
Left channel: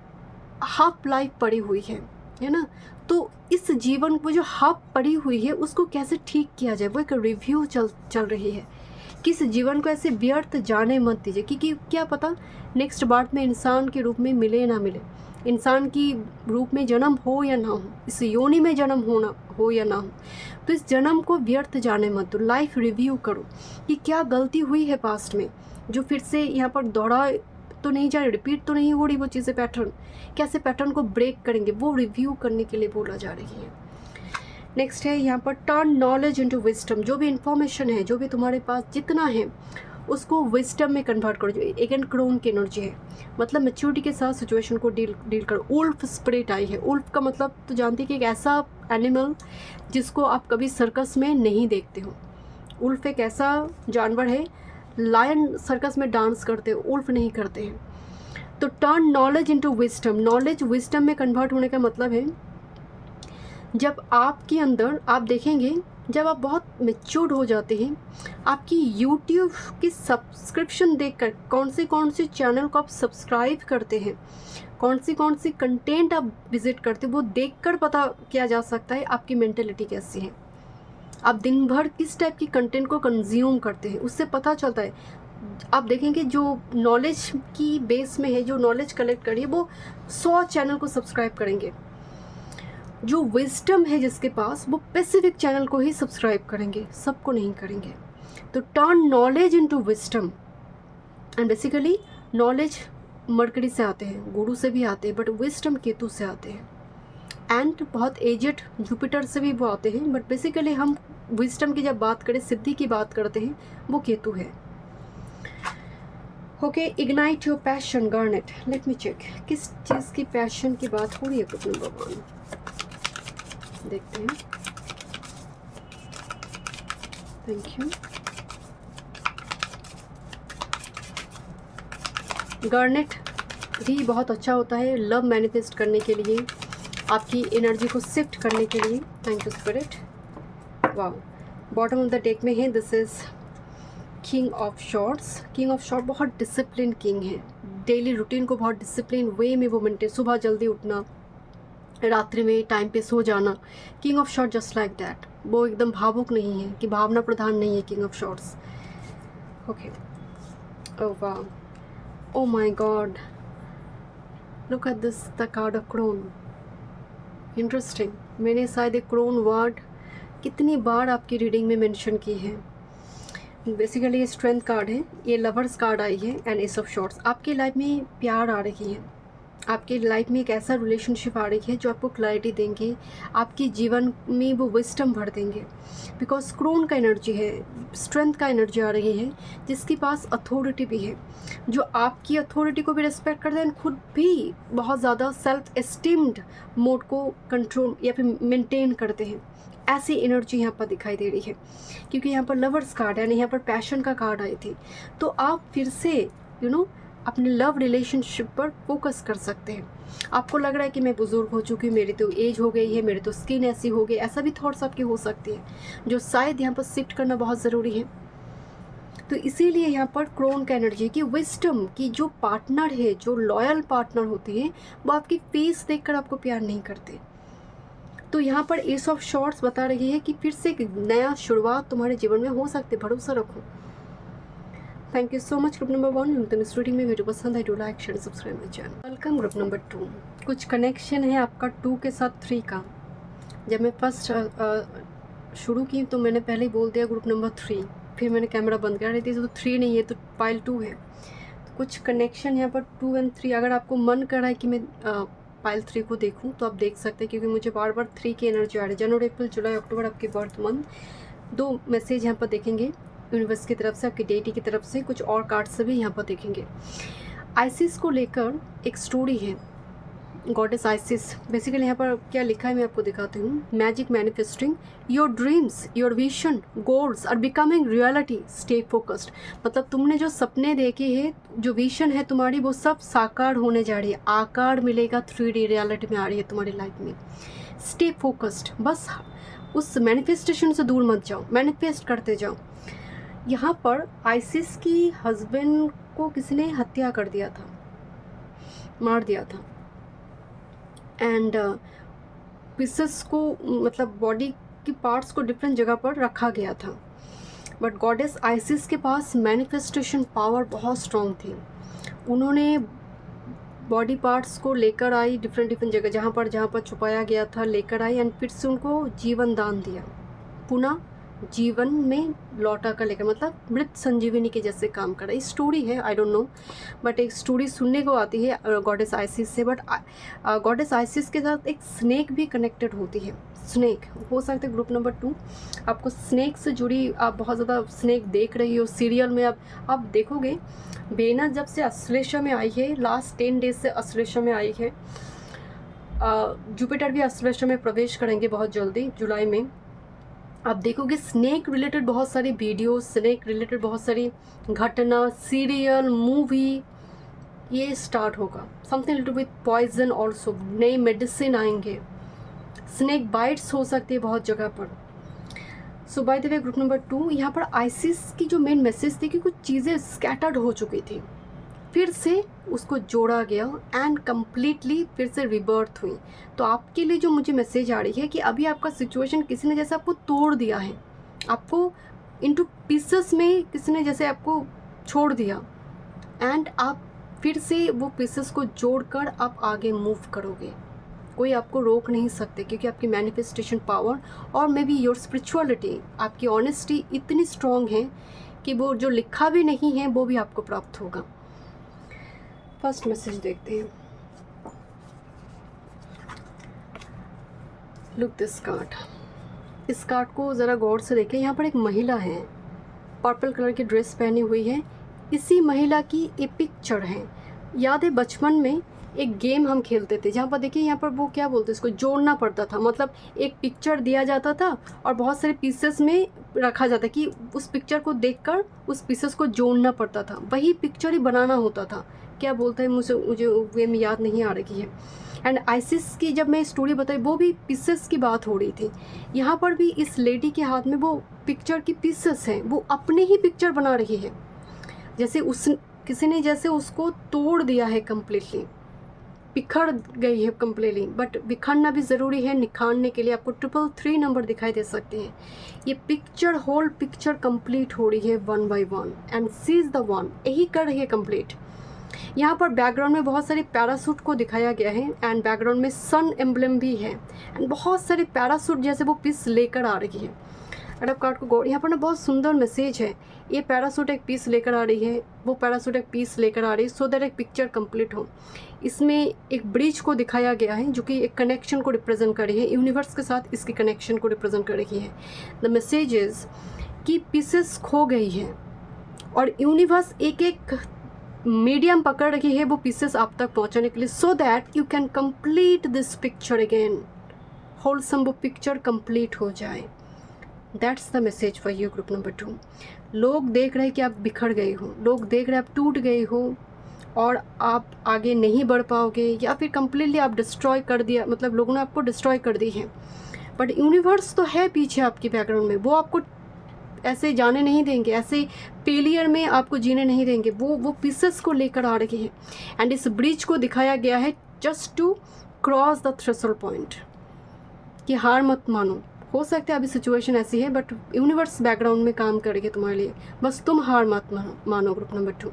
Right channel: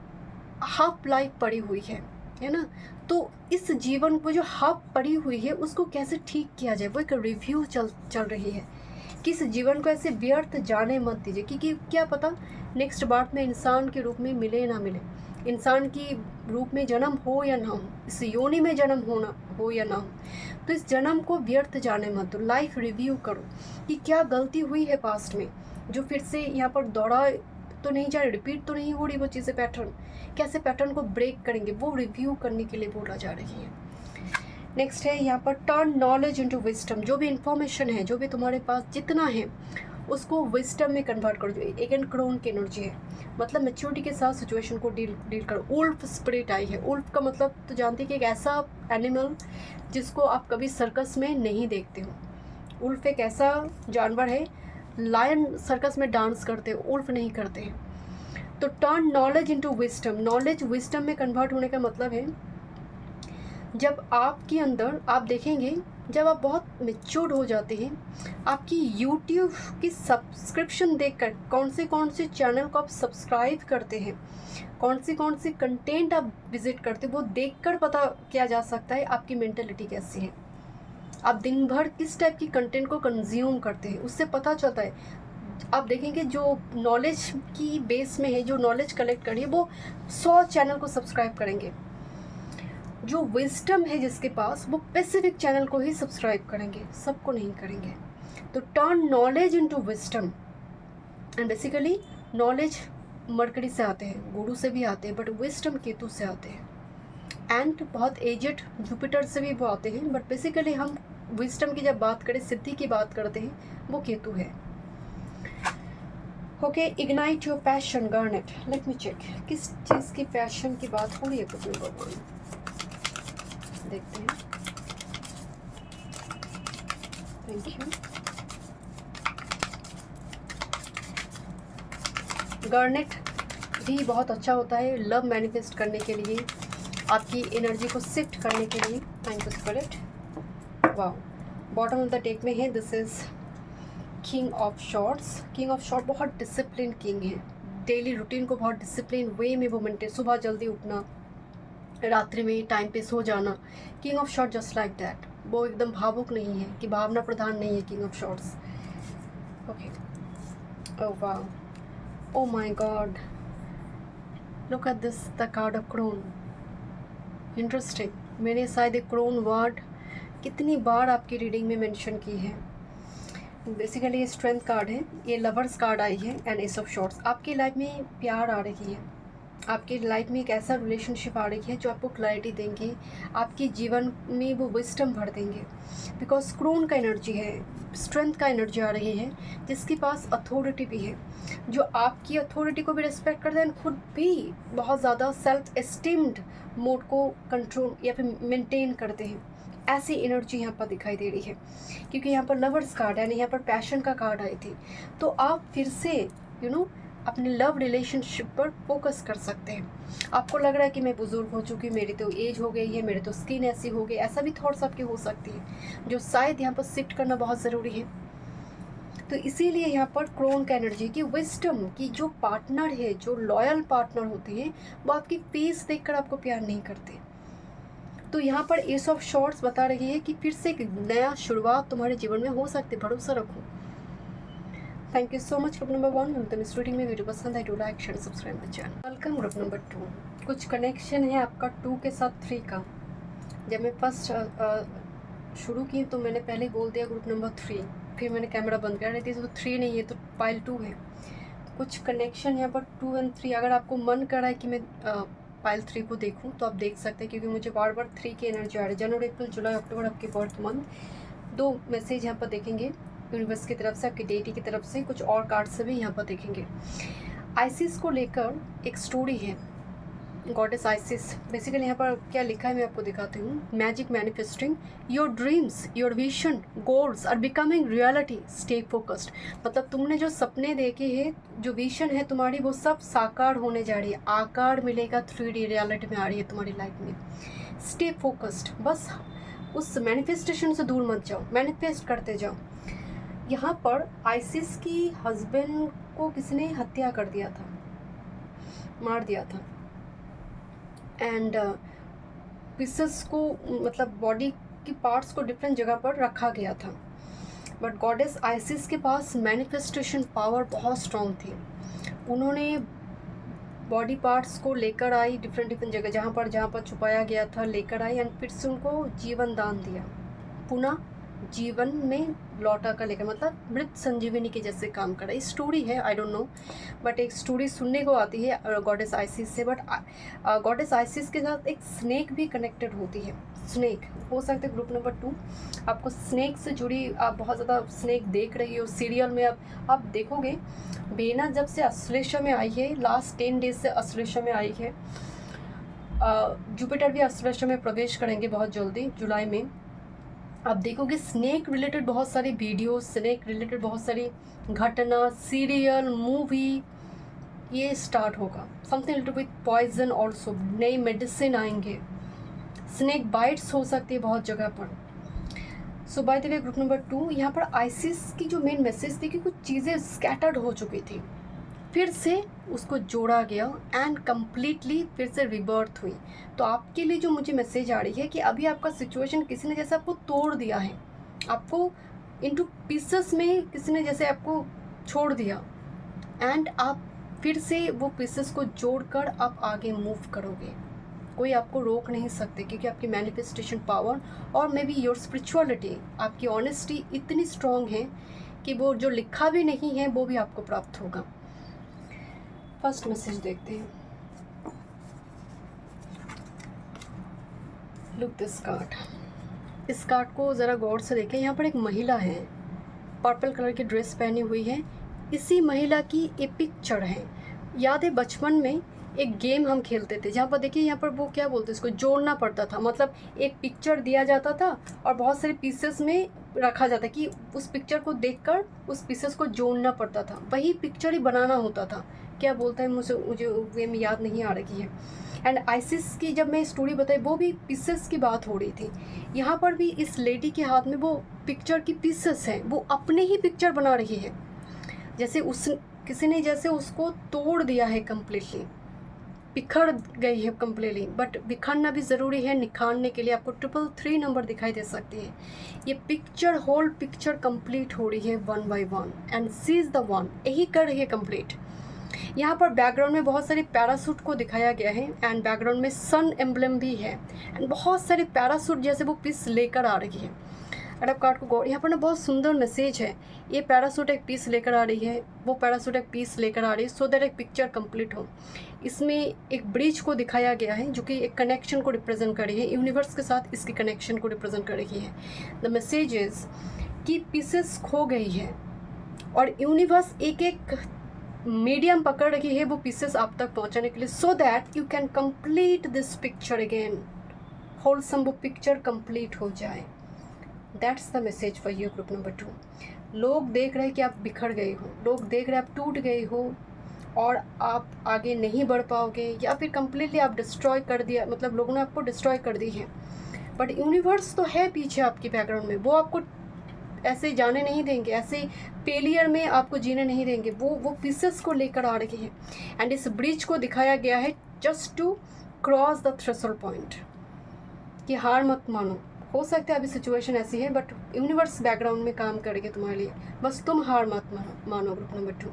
हाफ लाइफ पड़ी हुई है ना। तो इस जीवन को जो हाफ पड़ी हुई है उसको कैसे ठीक किया जाए, वो एक रिव्यू चल रही है। किस जीवन को ऐसे व्यर्थ जाने मत दीजिए, क्योंकि क्या पता नेक्स्ट बार में इंसान के रूप में मिले ना मिले, इंसान की रूप में जन्म हो या ना हो, इस योनि में जन्म होना हो या ना हो, तो इस जन्म को व्यर्थ जाने मत दो। लाइफ रिव्यू करो कि क्या गलती हुई है पास्ट में, जो फिर से यहाँ पर दौड़ा तो नहीं जा रही, रिपीट तो नहीं हो रही वो चीज़ें, पैटर्न, कैसे पैटर्न को ब्रेक करेंगे, वो रिव्यू करने के लिए बोला जा रही है। नेक्स्ट है यहाँ पर टर्न नॉलेज इनटू विजडम। जो भी इंफॉर्मेशन है, जो भी तुम्हारे पास जितना है, उसको विजडम में कन्वर्ट करो, जो एगन क्रोन की एनर्जी है, मतलब मैच्योरिटी के साथ सिचुएशन को डील करो। उल्फ स्पिरिट आई है। उल्फ का मतलब तो जानते हैं कि एक ऐसा एनिमल जिसको आप कभी सर्कस में नहीं देखते हो। उल्फ एक ऐसा जानवर है, लायन सर्कस में डांस करते हो, उल्फ नहीं करते हैं। तो turn knowledge into wisdom, knowledge wisdom में कन्वर्ट होने का मतलब है जब आपके अंदर, आप देखेंगे जब आप बहुत मैच्योर्ड हो जाते हैं, आपकी यूट्यूब की सब्सक्रिप्शन देखकर कौन से चैनल को आप सब्सक्राइब करते हैं, कौन सी कंटेंट आप विजिट करते हैं, वो देखकर पता किया जा सकता है आपकी मेंटेलिटी कैसी है, आप दिन भर किस टाइप की कंटेंट को कंज्यूम करते हैं, उससे पता चलता है। आप देखेंगे जो नॉलेज की बेस में है, जो नॉलेज कलेक्ट करिए, वो 100 चैनल को सब्सक्राइब करेंगे। जो विजडम है जिसके पास, वो स्पेसिफिक चैनल को ही सब्सक्राइब करेंगे, सबको नहीं करेंगे। तो turn knowledge into wisdom, and basically knowledge mercury से आते हैं, गुरु से भी आते हैं, बट विजडम केतु से आते हैं, एंड बहुत एजेड जुपिटर से भी वो आते हैं, बट बेसिकली हम विजडम की जब बात करें, सिद्धि की बात करते हैं, वो केतु है। Okay, ignite your passion garnet, let me check किस चीज़ की पैशन की बात हो रही है ग्रुप नंबर 1, देखते हैं। Thank you. गार्नेट भी बहुत अच्छा होता है लव मैनिफेस्ट करने के लिए, आपकी एनर्जी को शिफ्ट करने के लिए। Thank you spirit. Wow, bottom of the deck में है, this is king of shorts. King of short बहुत डिसिप्लिन किंग है, डेली रूटीन को बहुत डिसिप्लिन वे में वो मेंटेन, सुबह जल्दी उठना, रात्रि में टाइम पे सो जाना। King of short just like that, वो एकदम भावुक नहीं है, कि भावना प्रधान नहीं है king of swords. Okay, oh वाह, oh my god, look at this, the card of crone. Interesting, मैंने शायद एक क्रोन वर्ड कितनी बार आपकी रीडिंग में मेंशन की है। बेसिकली ये स्ट्रेंथ कार्ड है, ये लवर्स कार्ड आई है, एंड एस ऑफ शॉर्ट्स। आपकी लाइफ में प्यार आ रही है, आपकी लाइफ में एक ऐसा रिलेशनशिप आ रही है जो आपको क्लैरिटी देंगे, आपके जीवन में वो विजडम भर देंगे। बिकॉज क्रोन का एनर्जी है, स्ट्रेंथ का एनर्जी आ रही है, जिसके पास अथॉरिटी भी है, जो आपकी अथॉरिटी को भी रिस्पेक्ट करते हैं, खुद भी बहुत ज़्यादा सेल्फ एस्टीम्ड मोड को कंट्रोल या फिर मेंटेन करते हैं। ऐसी एनर्जी यहाँ पर दिखाई दे रही है, क्योंकि यहाँ पर लवर्स कार्ड है, यहाँ पर पैशन का कार्ड आई थी। तो आप फिर से अपने लव रिलेशनशिप पर फोकस कर सकते हैं। आपको लग रहा है कि मैं बुज़ुर्ग हो चुकी हूँ, मेरी तो एज हो गई है, मेरी तो स्किन ऐसी हो गई, ऐसा भी थॉट्स आपके हो सकती हैं, जो शायद यहाँ पर शिफ्ट करना बहुत ज़रूरी है। तो इसीलिए यहाँ पर क्रोन का एनर्जी की विजडम की जो पार्टनर है, जो लॉयल पार्टनर होते हैं, वो आपकी फेस देखकर आपको प्यार नहीं करते। तो यहाँ पर एस ऑफ शॉर्ट्स बता रही है कि फिर से एक नया शुरुआत तुम्हारे जीवन में हो सकती है, भरोसा रखो। Thank you so much group number 1। मिलते हैं नेक्स्ट रीडिंग में। वीडियो पसंद है, do like share subscribe my channel. Welcome group number 2। कुछ कनेक्शन है आपका 2 के साथ 3 का। जब मैं फर्स्ट शुरू की तो मैंने पहले ही बोल दिया ग्रुप नंबर 3, फिर मैंने कैमरा बंद कर रही थी, तो 3 नहीं है, तो पाइल 2 है। तो कुछ कनेक्शन यहाँ पर 2 एंड 3। अगर आपको मन कर रहा है कि मैं पाइल 3 को देखूं तो आप देख सकते हैं, क्योंकि मुझे बार बार 3 की एनर्जी आ रही है। जनवरी, अप्रैल, जुलाई, अक्टूबर आपके बर्थ मंथ। 2 मैसेज यहाँ पर देखेंगे यूनिवर्स की तरफ से, आपकी डेटी की तरफ से, कुछ और कार्ड से भी यहाँ पर देखेंगे। आइसिस को लेकर एक स्टोरी है, गॉडेस आइसिस। बेसिकली यहाँ पर क्या लिखा है मैं आपको दिखाती हूँ। Magic manifesting your dreams, your vision, goals are becoming reality, stay focused. मतलब तुमने जो सपने देखे हैं, जो विजन है तुम्हारी, वो सब साकार होने जा रही है, आकार मिलेगा, 3D रियलिटी में आ रही है तुम्हारी लाइफ में। स्टे फोकस्ड, बस उस मैनिफेस्टेशन से दूर मत जाओ, मैनिफेस्ट करते जाओ। यहाँ पर आइसिस की हस्बैंड को किसी ने हत्या कर दिया था, मार दिया था, एंड पीसेस को, मतलब बॉडी की पार्ट्स को डिफरेंट जगह पर रखा गया था। बट गॉडेस आइसिस के पास मैनिफेस्टेशन पावर बहुत स्ट्रॉन्ग थी। उन्होंने बॉडी पार्ट्स को लेकर आई डिफरेंट जगह, जहाँ पर छुपाया गया था, लेकर आई, एंड फिर से उनको जीवन दान दिया, पुनः जीवन में लौटा कर लेकर, मतलब मृत संजीवनी के जैसे काम कर रहा है। स्टोरी है, आई डोंट नो, बट एक स्टोरी सुनने को आती है गॉडेस आइसिस से, बट गॉडेस आइसिस के साथ एक स्नेक भी कनेक्टेड होती है। स्नेक हो सकता है ग्रुप नंबर 2 आपको स्नेक से जुड़ी, आप बहुत ज़्यादा स्नेक देख रही हो सीरियल में। आप देखोगे वेनस जब से अश्लेषा में आई है, लास्ट 10 डेज से अश्लेषा में आई है, जुपिटर भी अश्लेषा में प्रवेश करेंगे बहुत जल्दी जुलाई में। आप देखोगे स्नेक रिलेटेड बहुत सारी वीडियो, स्नेक रिलेटेड बहुत सारी घटना, सीरियल, मूवी, ये स्टार्ट होगा। Something related with poison also, नए मेडिसिन आएंगे, स्नेक बाइट्स हो सकती है बहुत जगह पर। So by the way group number 2 यहाँ पर आइसिस की जो मेन मैसेज थी कि कुछ चीज़ें स्कैटर्ड हो चुकी थी, फिर से उसको जोड़ा गया एंड कम्प्लीटली फिर से रिबर्थ हुई। तो आपके लिए जो मुझे मैसेज आ रही है कि अभी आपका सिचुएशन किसी ने जैसे आपको तोड़ दिया है, आपको इनटू पीसेस में किसी ने जैसे आपको छोड़ दिया, एंड आप फिर से वो पीसेस को जोड़कर आप आगे मूव करोगे। कोई आपको रोक नहीं सकते, क्योंकि आपकी मैनिफेस्टेशन पावर और मे बी योर स्पिरिचुअलिटी, आपकी ऑनेस्टी इतनी स्ट्रॉन्ग है कि वो जो लिखा भी नहीं है वो भी आपको प्राप्त होगा। फर्स्ट मैसेज देखते हैं। Look this card. इस कार्ड को ज़रा गौर से देखें। यहाँ पर एक महिला है, पर्पल कलर की ड्रेस पहनी हुई है। इसी महिला की एक पिक्चर है। याद है बचपन में एक गेम हम खेलते थे जहाँ पर देखिए, यहाँ पर वो क्या बोलते हैं, इसको जोड़ना पड़ता था। मतलब एक पिक्चर दिया जाता था और बहुत सारे पीसेस में रखा जाता कि उस पिक्चर को देखकर उस पीसेस को जोड़ना पड़ता था, वही पिक्चर ही बनाना होता था। क्या बोलता है मुझे वे में याद नहीं आ रही है। एंड आइसिस की जब मैं स्टोरी बताई वो भी पीसेस की बात हो रही थी। यहाँ पर भी इस लेडी के हाथ में वो पिक्चर की पीसेस हैं, वो अपने ही पिक्चर बना रही है, जैसे किसी ने जैसे उसको तोड़ दिया है कम्प्लीटली, बिखर गई है कम्प्लीटली। बट बिखरना भी ज़रूरी है, निखारने के लिए आपको 333 नंबर दिखाई दे सकती है। ये पिक्चर, होल पिक्चर कंप्लीट हो रही है 1 by 1 and she is the one, यही कर रही है कंप्लीट। यहाँ पर बैकग्राउंड में बहुत सारे पैरासूट को दिखाया गया है एंड बैकग्राउंड में सन एम्ब्लेम भी है एंड बहुत सारे पैरासूट जैसे वो पीस लेकर आ रही है। अगर आप कार्ड को गौर, यहाँ पर ना बहुत सुंदर मैसेज है। ये पैरासूट एक पीस लेकर आ रही है, वो पैरासूट एक पीस लेकर आ रही है, सो दैट एक पिक्चर कंप्लीट हो। इसमें एक ब्रिज को दिखाया गया है जो कि एक कनेक्शन को रिप्रेजेंट कर रही है, यूनिवर्स के साथ इसकी कनेक्शन को रिप्रेजेंट कर रही है। द मैसेज इज कि पीसेस खो गई है और यूनिवर्स एक एक मीडियम पकड़ रही है वो पीसेस आप तक पहुंचाने के लिए, so that you can complete this picture again, wholesome वो पिक्चर कंप्लीट हो जाए। That's the message for you group number 2। लोग देख रहे हैं कि आप बिखर गए हो, लोग देख रहे हैं आप टूट गए हो और आप आगे नहीं बढ़ पाओगे, या फिर कम्प्लीटली आप डिस्ट्रॉय कर दिया, मतलब लोगों ने आपको डिस्ट्रॉय कर दी है। बट यूनिवर्स तो है पीछे आपके बैकग्राउंड में, वो आपको ऐसे जाने नहीं देंगे, ऐसे फेलियर में आपको जीने नहीं देंगे। वो पीसेस को लेकर आ रही है एंड इस ब्रिज को दिखाया गया है just to cross the threshold point, कि हार मत मानो। हो सकता है अभी सिचुएशन ऐसी है बट यूनिवर्स बैकग्राउंड में काम करेगी तुम्हारे लिए, बस तुम हार मत मानो ग्रुप नंबर 2।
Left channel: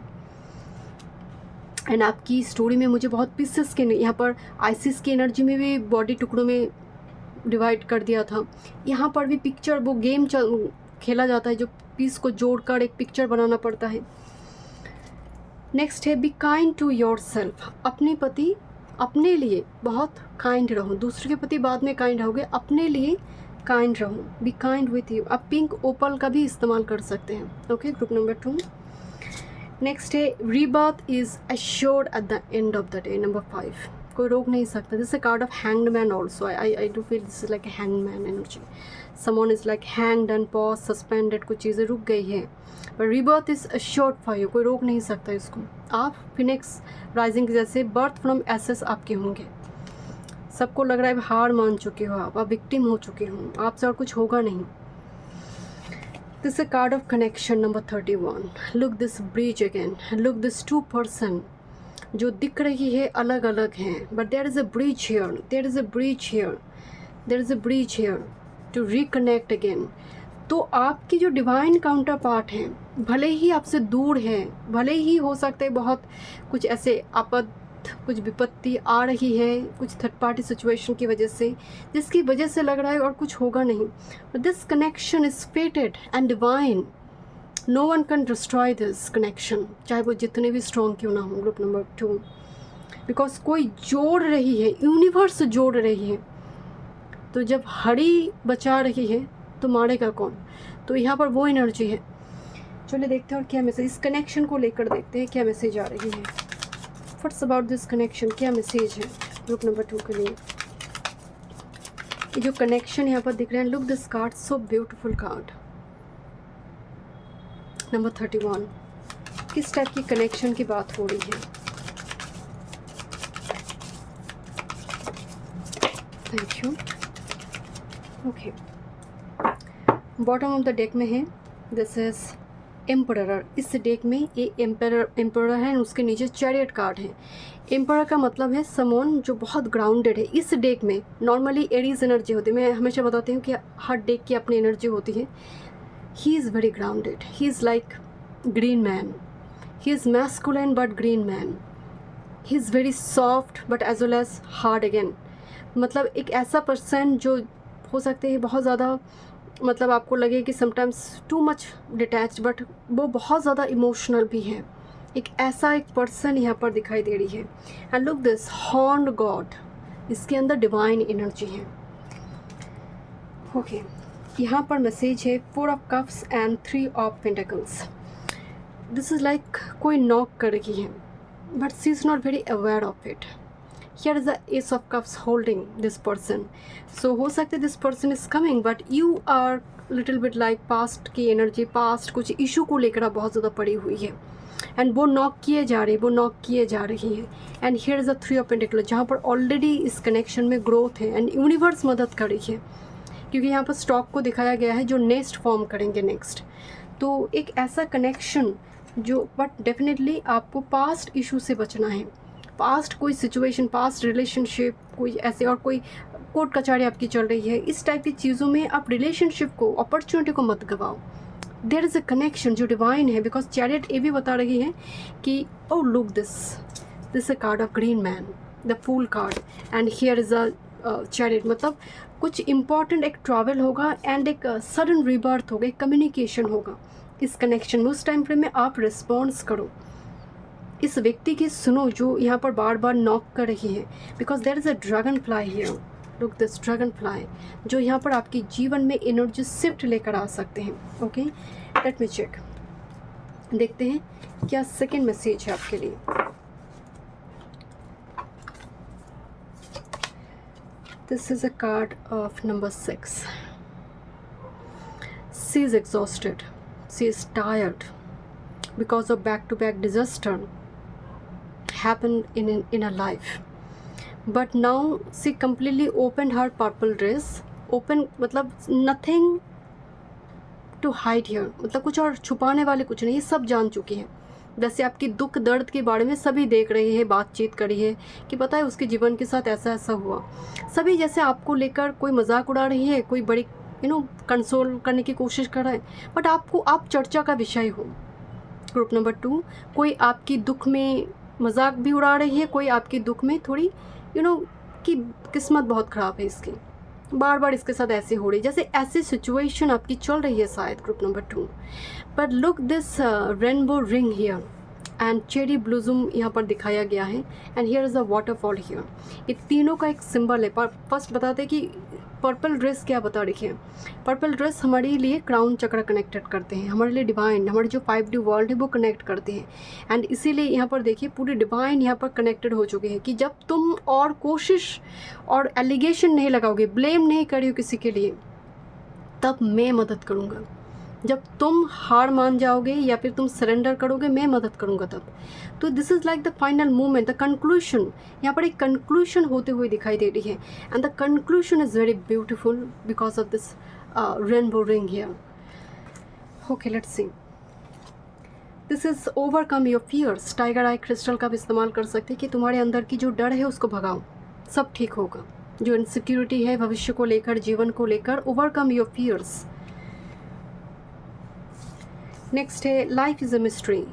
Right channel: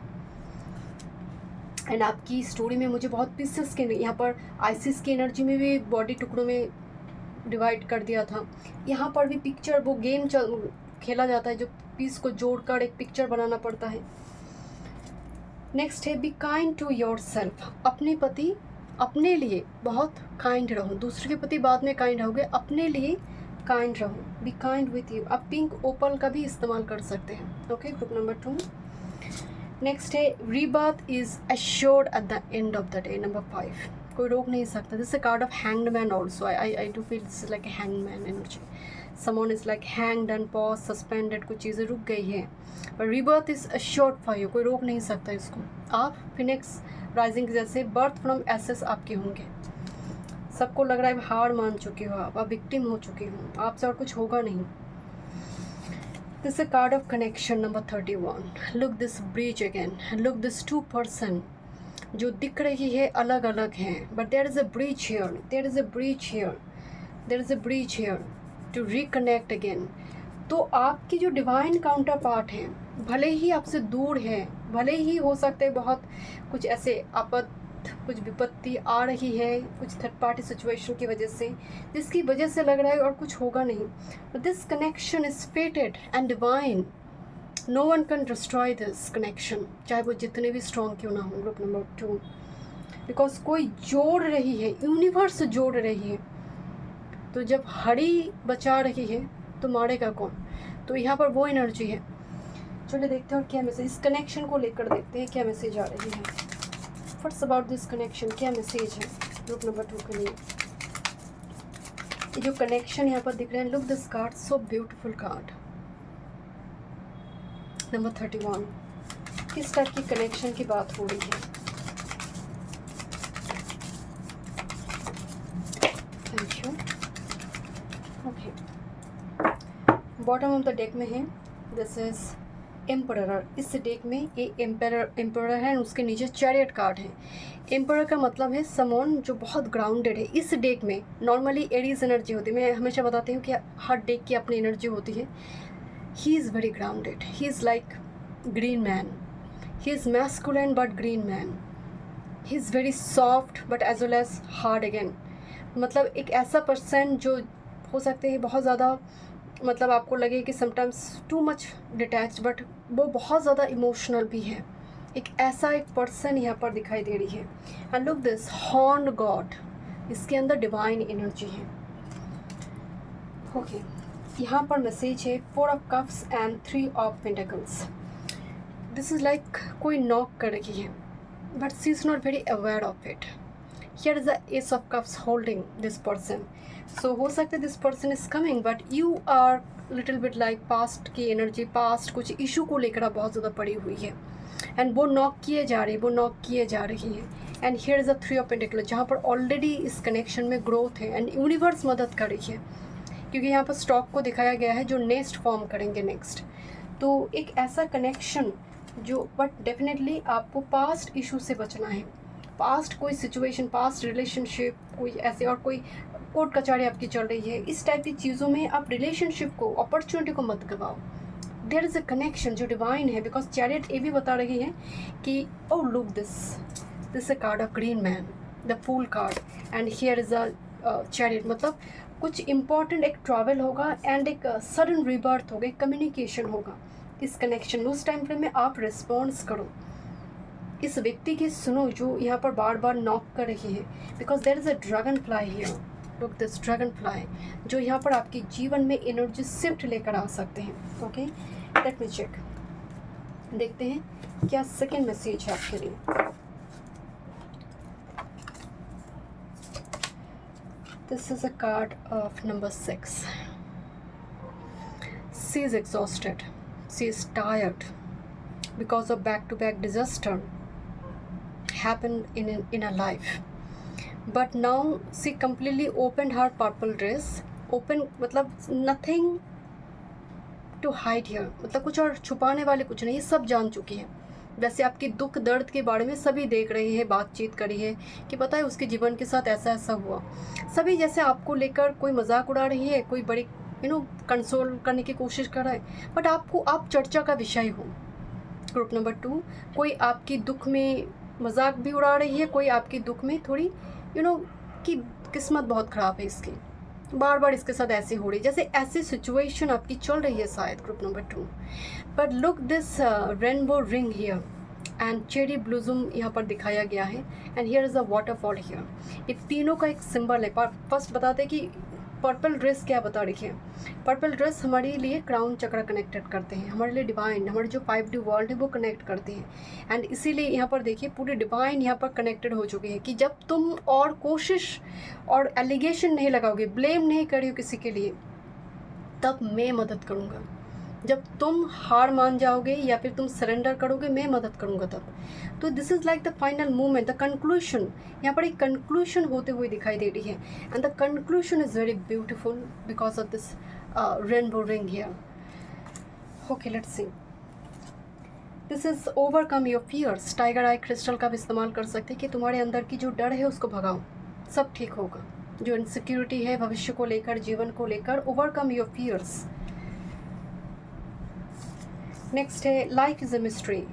एंड आपकी स्टोरी में मुझे बहुत पीसेस के, यहाँ पर आइसिस की एनर्जी में भी बॉडी टुकड़ों में डिवाइड कर दिया था। यहाँ पर भी पिक्चर, वो गेम खेला जाता है जो पीस को जोड़कर एक पिक्चर बनाना पड़ता है। नेक्स्ट है be kind to yourself. अपने लिए बहुत काइंड रहो, दूसरे के प्रति बाद में काइंड रहोगे, अपने लिए काइंड रहो। Be kind with you. आप पिंक ओपल का भी इस्तेमाल कर सकते हैं। Okay group number 2। नेक्स्ट है rebirth is assured at the end of the day. Number 5, कोई रोक नहीं सकता। This is a card of hanged man also. I do feel this is like a hanged man energy. Someone is like hanged and pause, suspended, कुछ चीज़ें रुक गई है। पर rebirth is assured for you, कोई रोक नहीं सकता इसको। आप फिनिक्स राइजिंग जैसे बर्थ फ्रॉम एसेस आपके होंगे। सबको लग रहा है हार मान चुके हो, आप विक्टिम हो चुके हो, आपसे और कुछ होगा नहीं। This is a card of connection number 31। Look this bridge again, look this 2 person जो दिख रही है अलग अलग हैं, but there is a bridge here, there is a bridge here, there is a bridge here to reconnect again. तो आपकी जो डिवाइन काउंटर पार्ट हैं, भले ही आपसे दूर हैं, भले ही हो सकता है बहुत कुछ ऐसे आपद आफत, कुछ विपत्ति आ रही है, कुछ थर्ड पार्टी सिचुएशन की वजह से, जिसकी वजह से लग रहा है और कुछ होगा नहीं. This connection is fated and divine. No one can destroy this connection, चाहे वो जितने भी स्ट्रॉन्ग क्यों ना हो. ग्रुप नंबर 2, बिकॉज कोई जोड़ रही है, यूनिवर्स जोड़ रही है. तो जब हड़ी बचा रही है तो मारेगा कौन. तो यहाँ पर वो एनर्जी है. चलिए देखते हैं और क्या मैसेज इस कनेक्शन को लेकर देखते हैं, क्या मैसेज आ रही है. व्हाट्स अबाउट दिस कनेक्शन, क्या मैसेज है ग्रुप नंबर 2 के लिए. ये जो कनेक्शन यहाँ पर दिख रहे हैं, look this card, so beautiful card. Number 31, किस टाइप की कनेक्शन की बात हो रही है. Thank you. Okay, bottom of the deck में है, दिस इज एम्परर. इस डेक में ये एम्परर है, उसके नीचे चैरियट कार्ड है. एम्परर का मतलब है समवन जो बहुत ग्राउंडेड है. इस डेक में नॉर्मली एरीज एनर्जी होती है. मैं हमेशा बताती हूँ कि हर डेक की अपनी एनर्जी होती है. He is very grounded. He is like green man. He is masculine but green man. He is very soft but as well as hard again. मतलब एक ऐसा पर्सन जो हो सकते हैं बहुत ज़्यादा, मतलब आपको लगे कि sometimes too much detach, but वो बहुत ज़्यादा इमोशनल भी है. एक ऐसा एक पर्सन यहाँ पर दिखाई दे रही है. And look this horned God, इसके अंदर डिवाइन एनर्जी है. ओके, यहाँ पर मैसेज है 4 of cups and 3 of pentacles. This is like कोई नॉक कर रही है, but she is not very aware of it. Here is the ace of cups holding this person. So हो सकता है this person is coming, but you are little bit like past की एनर्जी, पास्ट कुछ इशू को लेकर आप बहुत ज़्यादा पड़ी हुई है. एंड वो नॉक किए जा रही है. And here is the 3 of pentacle, जहाँ पर ऑलरेडी इस कनेक्शन में ग्रोथ है एंड यूनिवर्स मदद कर रही है, क्योंकि यहाँ पर स्टॉक को दिखाया गया है जो नेक्स्ट फॉर्म करेंगे नेक्स्ट. तो एक ऐसा कनेक्शन जो, बट डेफिनेटली आपको पास्ट इशू से बचना है. पास्ट कोई सिचुएशन, पास्ट रिलेशनशिप कोई ऐसे, और कोई कोर्ट कचहरी आपकी चल रही है, इस टाइप की चीज़ों में आप रिलेशनशिप को, अपॉर्चुनिटी को मत गवाओ. देयर इज़ अ कनेक्शन जो डिवाइन है, बिकॉज चैरियट ये भी बता रही है कि oh look this a card of green man, the fool card. And here is a chariot, मतलब कुछ इंपॉर्टेंट एक ट्रैवल होगा एंड एक सडन रिबर्थ होगा, एक कम्युनिकेशन होगा इस कनेक्शन में. उस टाइम फ्रेम में आप रिस्पॉन्स करो, इस व्यक्ति की सुनो जो यहाँ पर बार बार नॉक कर रही है. Because there is a dragonfly here. Look this dragonfly, जो यहाँ पर आपकी जीवन में एनर्जी शिफ्ट लेकर आ सकते हैं. ओके, लेट मी चेक, देखते हैं क्या सेकेंड मैसेज है आपके लिए. This is a card of number 6. She is exhausted, she is tired because of back-to-back disaster happened in her life, but now she completely opened her purple dress. Open मतलब nothing to hide here, मतलब कुछ और छुपाने वाले कुछ नहीं, सब जान चुकी है. जैसे आपकी दुख दर्द के बारे में सभी देख रही है, बातचीत करी है कि पता है उसके जीवन के साथ ऐसा ऐसा हुआ. सभी जैसे आपको लेकर कोई मजाक उड़ा रही है, कोई बड़ी कंसोल करने की कोशिश कर रहा है, बट आप चर्चा का विषय हो. ग्रुप नंबर 2, कोई आपकी दुख में मजाक भी उड़ा रही है, कोई आपकी दुख में थोड़ी कि किस्मत बहुत ख़राब है इसकी, बार बार इसके साथ ऐसे हो रही, जैसे ऐसी सिचुएशन आपकी चल रही है शायद. Group number 2, but look this rainbow ring here and cherry blossom यहाँ पर दिखाया गया है. And here is a waterfall here. ये तीनों का एक सिंबल है. पर फर्स्ट बताते हैं कि पर्पल ड्रेस क्या बता रही है. पर्पल ड्रेस हमारे लिए क्राउन चक्र कनेक्टेड करते हैं, हमारे लिए डिवाइन, हमारे जो 5D वर्ल्ड है वो कनेक्ट करते हैं. एंड इसीलिए यहाँ पर देखिए पूरी डिवाइन यहाँ पर कनेक्टेड हो चुकी है कि जब तुम और कोशिश और एलिगेशन नहीं लगाओगे, ब्लेम नहीं करियो किसी के लिए, तब मैं मदद करूँगा. जब तुम हार मान जाओगे या फिर तुम सरेंडर करोगे, मैं मदद करूँगा तब. तो this is like the final movement, the conclusion. यहाँ पर एक कंक्लूशन होते हुए दिखाई दे रही है. And the conclusion is very beautiful because of this rainbow ring here. Okay, let's see. This is overcome your fears. Tiger eye crystal का भी इस्तेमाल कर सकते हैं कि तुम्हारे अंदर की जो डर है उसको भगाओ, सब ठीक होगा. जो इनसिक्योरिटी है भविष्य को लेकर, जीवन को लेकर, ओवरकम योर फियर्स. नेक्स्ट है लाइफ इज़ अ मिस्ट्री.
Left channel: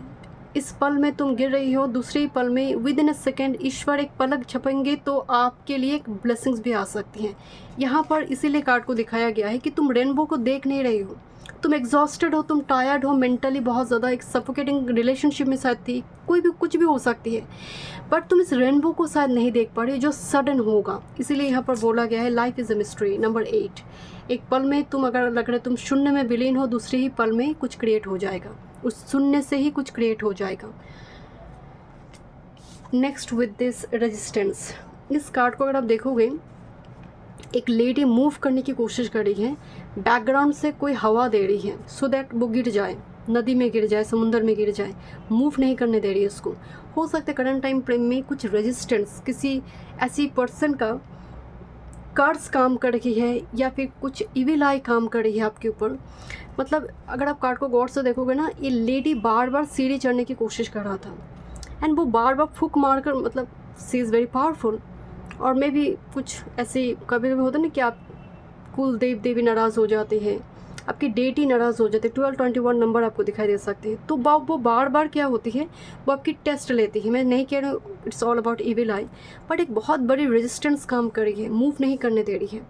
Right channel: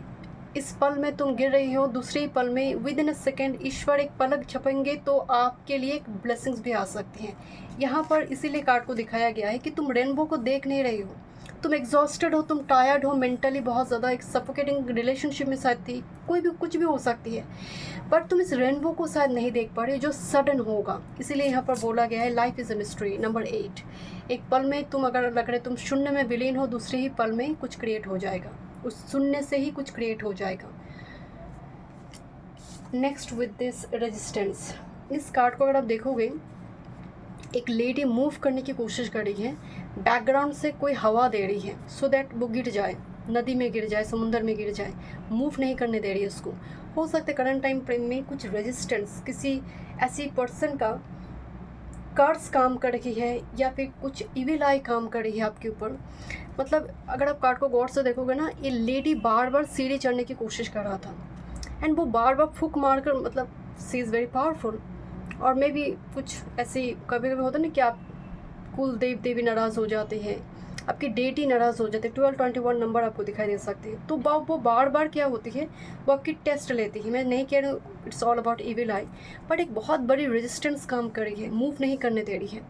इस पल में तुम गिर रही हो, दूसरे ही पल में विद इन अ सेकेंड ईश्वर एक पलक झपकेंगे तो आपके लिए एक ब्लेसिंग्स भी आ सकती हैं। यहाँ पर इसीलिए कार्ड को दिखाया गया है कि तुम रेनबो को देख नहीं रही हो, तुम एग्जॉस्टेड हो, तुम टायर्ड हो, मेंटली बहुत ज़्यादा एक सफोकेटिंग रिलेशनशिप में शायद थी, कोई भी कुछ भी हो सकती है, बट तुम इस रेनबो को शायद नहीं देख पा रहे जो सडन होगा। इसीलिए यहाँ पर बोला गया है life is a mystery. Number 8, एक पल में तुम अगर लग रहे तुम शून्य में विलीन हो, दूसरे ही पल में कुछ क्रिएट हो जाएगा, उस शून्य से ही कुछ क्रिएट हो जाएगा। नेक्स्ट विद दिस रेजिस्टेंस, इस कार्ड को अगर आप देखोगे, एक लेडी मूव करने की कोशिश कर रही है, बैकग्राउंड से कोई हवा दे रही है सो दैट वो गिर जाए, नदी में गिर जाए, समुंदर में गिर जाए, मूव नहीं करने दे रही है उसको। हो सकता है करंट टाइम फ्रेम में कुछ रेजिस्टेंस, किसी ऐसी पर्सन का कर्स काम कर रही है या फिर कुछ इविल आई काम कर रही है आपके ऊपर। मतलब अगर आप कार्ड को गौर से देखोगे ना, ये लेडी बार बार सीढ़ी चढ़ने की कोशिश कर रहा था एंड वो बार बार फूक मार कर, मतलब सी इज़ वेरी पावरफुल। और मे भी कुछ ऐसे कभी कभी होता है ना कि आप कुल देव देवी नाराज़ हो जाते हैं, आपकी डेटी नाराज़ हो जाती है, 1221 नंबर आपको दिखाई दे सकते हैं। तो वो बार बार क्या होती है, वो आपकी टेस्ट लेती है। मैं नहीं कह रही हूँ it's all about evil I, but एक बहुत बड़ी रेजिस्टेंस काम कर रही है, मूव नहीं करने दे रही है।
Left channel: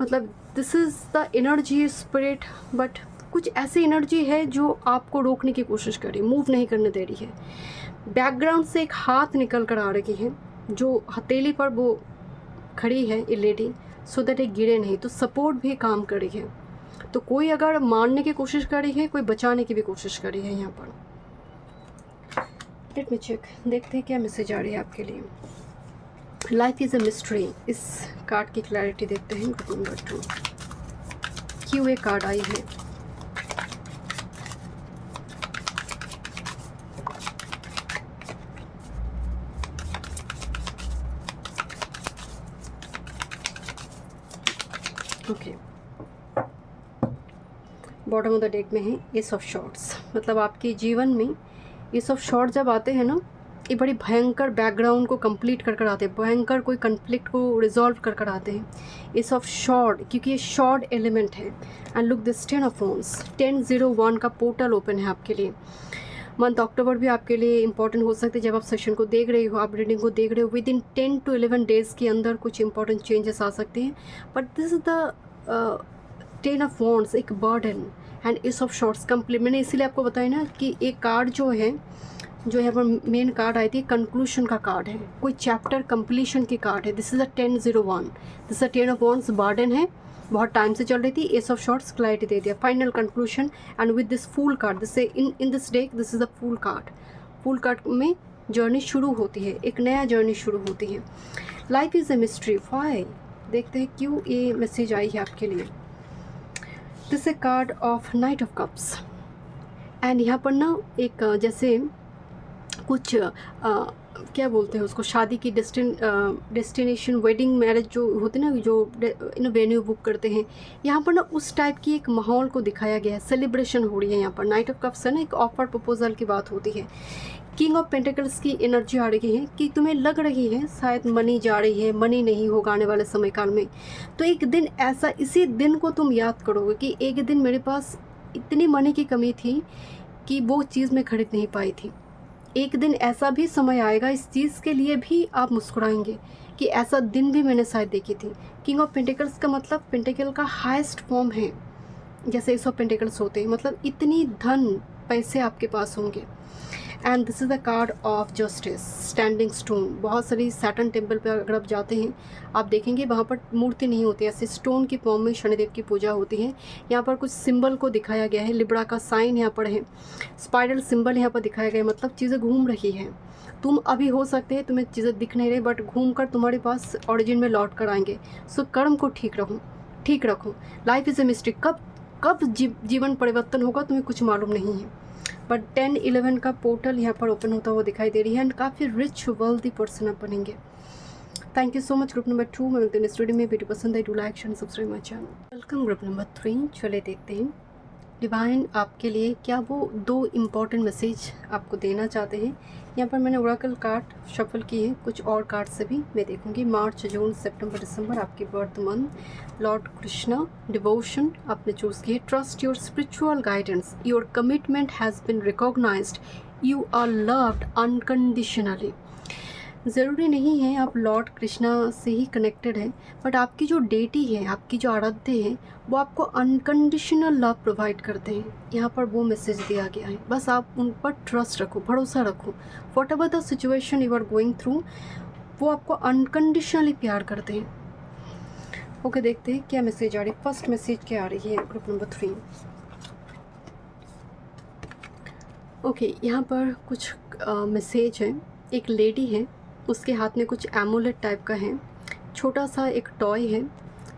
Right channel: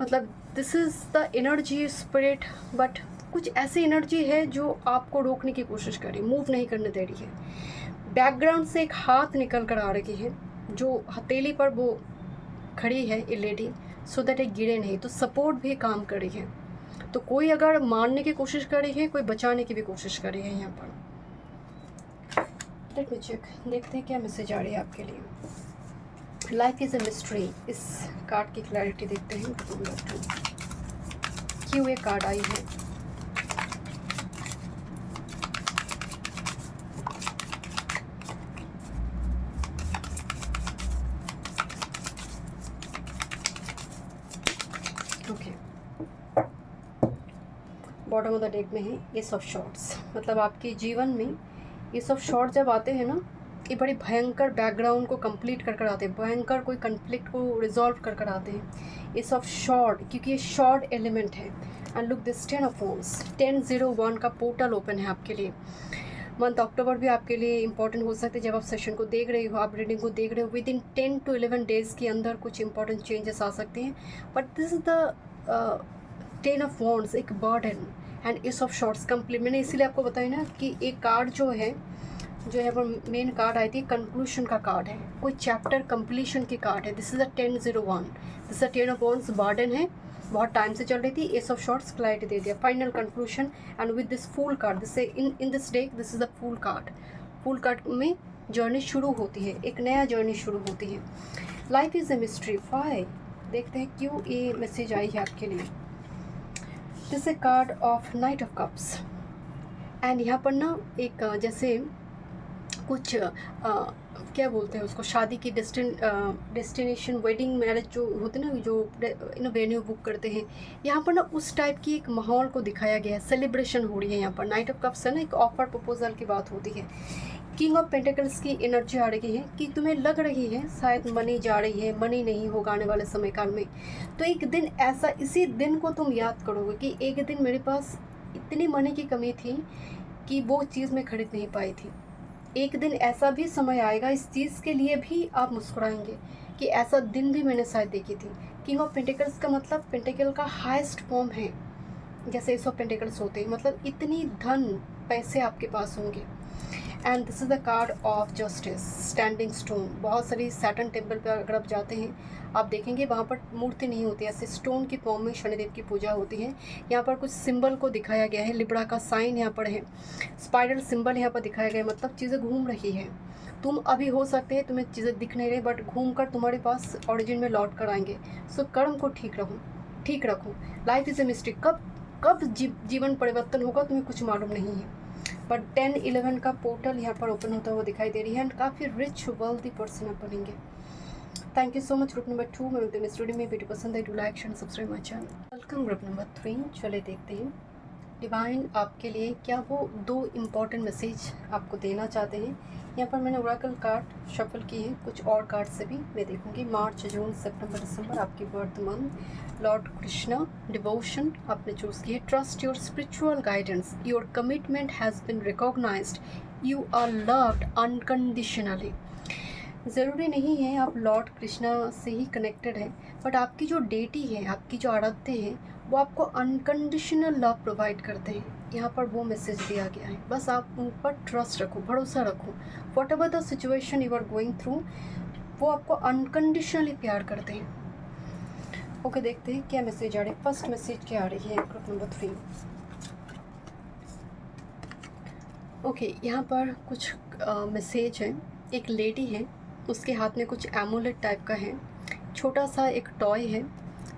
मतलब this is the energy spirit, but कुछ ऐसी एनर्जी है जो आपको रोकने की कोशिश कर रही है, मूव नहीं करने दे रही है। बैकग्राउंड से एक हाथ निकल कर आ रही है, जो हथेली पर वो खड़ी है ये लेडी, सो दैट एक गिरे नहीं, तो सपोर्ट भी काम कर रही है। तो कोई अगर मारने की कोशिश कर रही है, कोई बचाने की भी कोशिश कर रही है। यहाँ पर लेट मी चेक, देखते हैं क्या मैसेज आ रही है आपके लिए। लाइफ इज़ अ मिस्ट्री, इस कार्ड की क्लैरिटी देखते हैं। नंबर 2, क्यों ये कार्ड आई है। Okay, bottom of the deck में है एस ऑफ शॉर्ट्स। मतलब आपके जीवन में एस ऑफ शॉर्ट जब आते हैं ना, ये बड़ी भयंकर बैकग्राउंड को कंप्लीट कर आते हैं, भयंकर कोई कन्फ्लिक्ट को रिजॉल्व कर आते हैं। एस ऑफ शॉर्ट, क्योंकि ये शॉर्ट एलिमेंट है। And look this 10 of wands, 1001 का पोर्टल ओपन है आपके लिए। मंथ अक्टूबर भी आपके लिए इंपॉर्टेंट हो सकते हैं। जब आप सेशन को देख रहे हो, आप रीडिंग को देख रहे हो, विद इन 10 to 11 डेज़ के अंदर कुछ इंपॉर्टेंट चेंजेस आ सकते हैं। But this is the 10 of wands, एक burden and ace of swords complete. मैंने इसीलिए आपको बताया ना कि एक कार्ड जो है, जो यहाँ पर मेन कार्ड आई थी, कंक्लूशन का कार्ड है, कोई चैप्टर कंप्लीशन की कार्ड है। This is a 1001, this is 10 of wands, burden है, बहुत टाइम से चल रही थी। एस ऑफ शॉर्ट्स क्लैरिटी दे दिया, final conclusion. And with this fool card, this in this deck, this is a fool card. Fool card में जर्नी शुरू होती है, एक नया जर्नी शुरू होती है। Life is a mystery, why, देखते हैं क्यों ये मैसेज आई है आपके लिए। This a card of night of cups. And यहाँ पर ना एक जैसे कुछ क्या बोलते हैं उसको, शादी की डेस्टिनेशन, वेडिंग, मैरिज जो होते हैं ना, जो वेन्यू बुक करते हैं, यहाँ पर ना उस टाइप की एक माहौल को दिखाया गया है। सेलिब्रेशन हो रही है यहाँ पर। नाइट ऑफ कप्स है ना, एक ऑफर प्रपोजल की बात होती है। किंग ऑफ पेंटिकल्स की एनर्जी आ रही है कि तुम्हें लग रही है शायद मनी जा रही है, मनी नहीं होगा आने वाले समय काल में। तो एक दिन ऐसा, इसी दिन को तुम याद करोगे कि एक दिन मेरे पास इतनी मनी की कमी थी कि वो चीज़ मैं खरीद नहीं पाई थी। एक दिन ऐसा भी समय आएगा, इस चीज़ के लिए भी आप मुस्कुराएंगे कि ऐसा दिन भी मैंने शायद देखी थी। किंग ऑफ पेंटिकल्स का मतलब पेंटिकल का हाईएस्ट फॉर्म है, जैसे 100 पेंटिकल्स होते हैं, मतलब इतनी धन पैसे आपके पास होंगे। And this is the card of justice, standing stone. बहुत सारी सैटर्न टेम्पल पर अगर आप जाते हैं, आप देखेंगे वहाँ पर मूर्ति नहीं होती, ऐसे स्टोन की फॉर्म में शनिदेव की पूजा होती है। यहाँ पर कुछ सिंबल को दिखाया गया है, लिब्रा का साइन यहाँ पर है, स्पाइरल सिंबल यहाँ पर दिखाया गया है। मतलब चीज़ें घूम रही है, तुम अभी हो सकते हैं तुम्हें चीज़ें दिख नहीं रही, बट घूम कर तुम्हारे पास ओरिजिन में लौट कर आएंगे। सो कर्म को ठीक रखो। लाइफ इज़ ए मिस्ट्री, कब जीवन परिवर्तन होगा तुम्हें कुछ मालूम नहीं है। बट 10-11 का पोर्टल यहाँ पर ओपन होता हुआ दिखाई दे रही है एंड काफ़ी रिच वेल्दी पर्सन आप बनेंगे। Thank you so much. Group number 2 में मिलते हैं स्टूडियो में। वीडियो पसंद है, do like share subscribe my channel. Welcome group number 3। चले देखते हैं डिवाइन आपके लिए क्या वो 2 इम्पॉर्टेंट मैसेज आपको देना चाहते हैं। यहाँ पर मैंने ओरेकल कार्ड शफल की है, कुछ और कार्ड से भी मैं देखूंगी। मार्च, जून, सितंबर, दिसंबर आपकी birth month. Lord Krishna, devotion आपने चूज़ की है। Trust your spiritual guidance, your commitment has been recognized you are loved unconditionally. ज़रूरी नहीं है आप लॉर्ड कृष्णा से ही कनेक्टेड हैं, बट आपकी जो डेटी है, आपकी जो आराध्य हैं, वो आपको अनकंडीशनल लव प्रोवाइड करते हैं। यहाँ पर वो मैसेज दिया गया है। बस आप उन पर ट्रस्ट रखो, भरोसा रखो। Whatever the situation you are going through, वो आपको अनकंडीशनली प्यार करते हैं। ओके, देखते हैं क्या मैसेज आ रही है। फर्स्ट मैसेज क्या आ रही है ग्रुप नंबर 3। ओके, यहाँ पर कुछ मैसेज है। एक लेडी है, उसके हाथ में कुछ एमुलेट टाइप का है, छोटा सा एक टॉय है,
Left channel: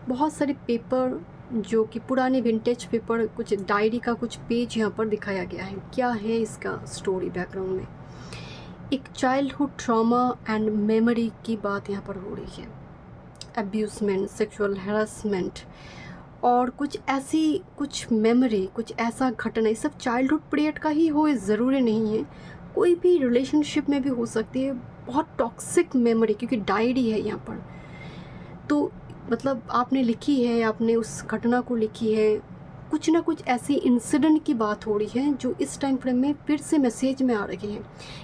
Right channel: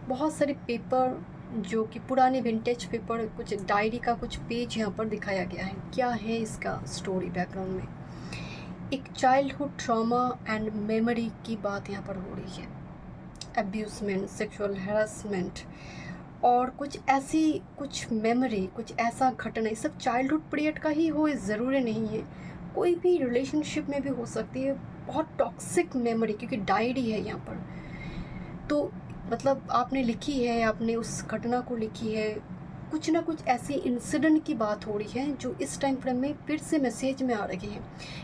बहुत सारे पेपर जो कि पुराने विंटेज पेपर, कुछ डायरी का कुछ पेज यहाँ पर दिखाया गया है। क्या है इसका स्टोरी बैकग्राउंड में? एक चाइल्डहुड ट्रॉमा एंड मेमोरी की बात यहाँ पर हो रही है। अब्यूजमेंट, सेक्सुअल हैरेसमेंट और कुछ मेमोरी, कुछ ऐसा घटना, ये सब चाइल्डहुड पीरियड का ही हो, ज़रूरी नहीं है, कोई भी रिलेशनशिप में भी हो सकती है। बहुत टॉक्सिक मेमोरी, क्योंकि डायरी है यहाँ पर, तो मतलब आपने लिखी है, आपने उस घटना को लिखी है, कुछ ना कुछ ऐसी इंसिडेंट की बात हो रही है जो इस टाइम फ्रेम में फिर से मैसेज में आ रही है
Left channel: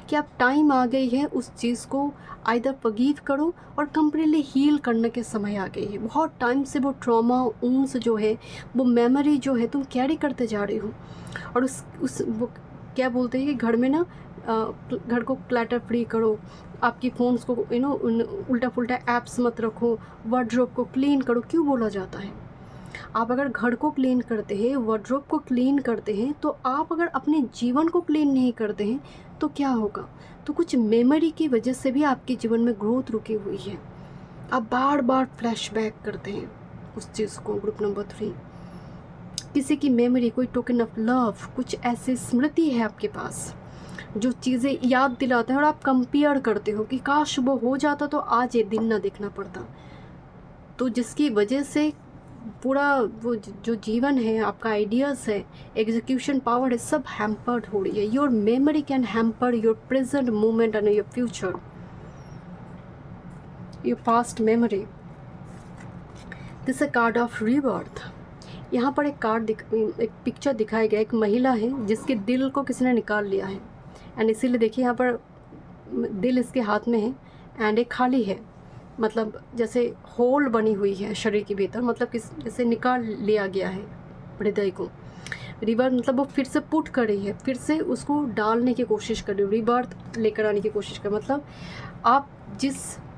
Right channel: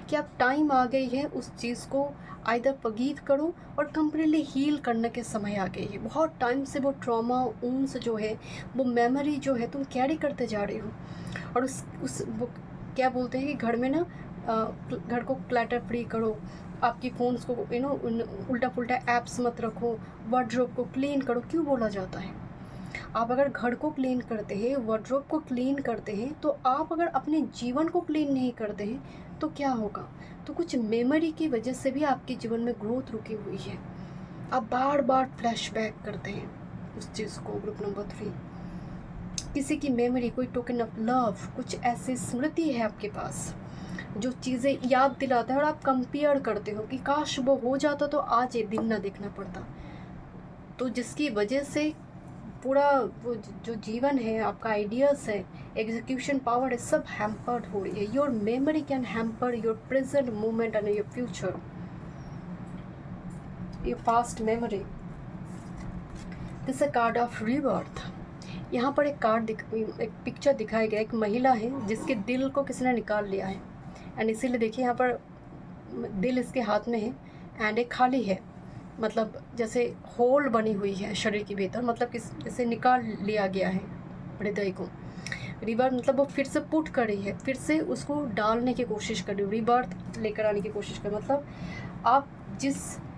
कि अब टाइम आ गई है उस चीज़ को आइदर फॉरगिव करो और कंप्लीटली हील करने के समय आ गई है। बहुत टाइम से वो ट्रॉमा, ऊंस जो है, वो मेमोरी जो है, तुम कैरी करते जा रहे हो। और उस वो क्या बोलते हैं कि घर में ना घर को क्लटर फ्री करो, आपकी फ़ोन्स को उल्टा पुल्टा ऐप्स मत रखो, वार्डरोब को क्लीन करो। क्यों बोला जाता है? आप अगर घर को क्लीन करते हैं, वार्डरोब को क्लीन करते हैं, तो आप अगर अपने जीवन को क्लीन नहीं करते हैं तो क्या होगा? तो कुछ मेमोरी की वजह से भी आपके जीवन में ग्रोथ रुकी हुई है। आप बार बार फ्लैशबैक करते हैं उस चीज़ को। ग्रुप नंबर 3, किसी की मेमोरी, कोई टोकन ऑफ लव, कुछ ऐसी स्मृति है आपके पास जो चीज़ें याद दिलाते हैं और आप कंपेयर करते हो कि काश वो हो जाता तो आज ये दिन ना देखना पड़ता। तो जिसकी वजह से पूरा वो जो जीवन है, आपका आइडियाज़ है, एग्जीक्यूशन पावर है, सब हैम्पर्ड हो रही है। Your memory can hamper your present moment and your future, your past memory. This a card of rebirth. यहाँ पर एक पिक्चर दिखाया गया, एक महिला है जिसके दिल को किसी ने निकाल लिया है, एंड इसीलिए देखिए यहाँ पर दिल इसके हाथ में है एंड एक खाली है, मतलब जैसे होल बनी हुई है शरीर के भीतर, मतलब जैसे निकाल लिया गया है हृदय को। रिबर्थ मतलब वो फिर से पुट कर रही है, फिर से उसको डालने की कोशिश कर रही है, रिबर्थ लेकर आने की कोशिश कर। मतलब आप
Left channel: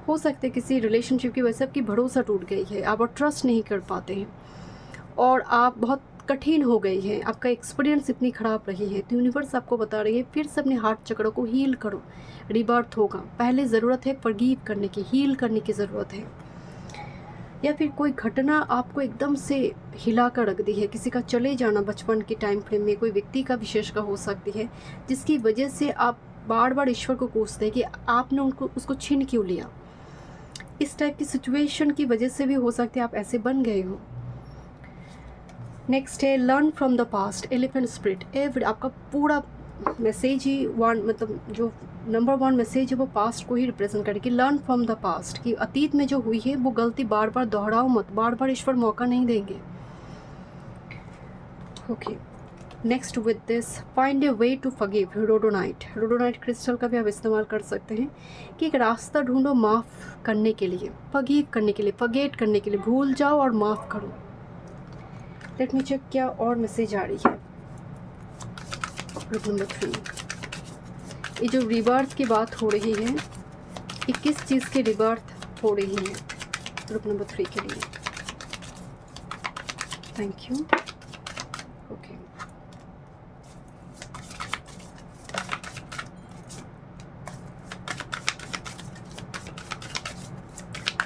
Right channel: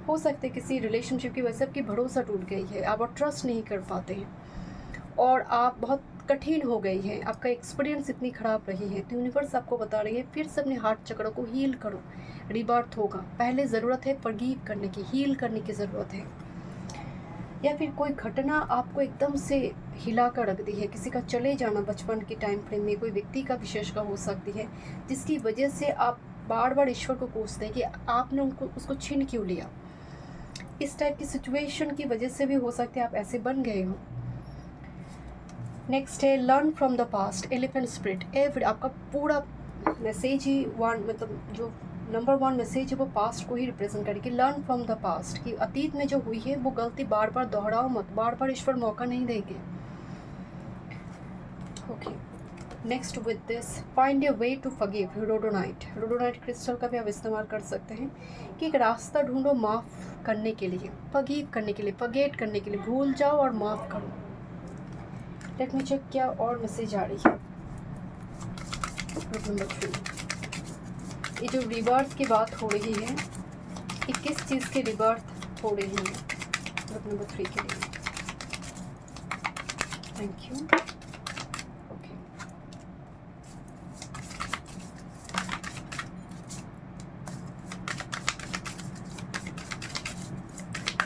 हो सकते हैं किसी रिलेशनशिप की वजह से आपकी भरोसा टूट गई है, आप ट्रस्ट नहीं कर पाते हैं और आप बहुत कठिन हो गई है, आपका एक्सपीरियंस इतनी ख़राब रही है, तो यूनिवर्स आपको बता रही है फिर से अपने हार्ट चक्रों को हील करो, रिबर्थ होगा। पहले ज़रूरत है फॉरगिव करने की, हील करने की ज़रूरत है। या फिर कोई घटना आपको एकदम से हिला कर रख दी है, किसी का चले जाना बचपन के टाइम फ्रेम में, कोई व्यक्ति का विशेष का हो सकती है, जिसकी वजह से आप बार बार ईश्वर को कोसते हैं कि आपने उसको छीन क्यों लिया। इस टाइप की सिचुएशन की वजह से भी हो सकते हैं आप ऐसे बन गए हो। नेक्स्ट है learn from the past, elephant spirit. आपका पूरा मैसेज ही मतलब जो नंबर 1 मैसेज है वो पास्ट को ही रिप्रेजेंट करेगी। लर्न फ्रॉम द पास्ट, कि अतीत में जो हुई है वो गलती बार बार दोहराओ मत, बार बार ईश्वर मौका नहीं देंगे। Okay, next with this find a way to forgive, rhodonite crystal का भी आप इस्तेमाल कर सकते हैं कि एक रास्ता ढूंढो माफ़ करने के लिए, फॉरगिव करने के लिए, फॉरगेट करने के लिए, भूल जाओ और माफ़ करो। लेट मी चेक क्या और मैसेज आ रही है। ग्रुप नंबर 3, ये जो रिबर्थ की बात हो रही है, ये किस चीज़ की रिबर्थ हो रही है ग्रुप नंबर 3 के लिए? Thank you. ओके,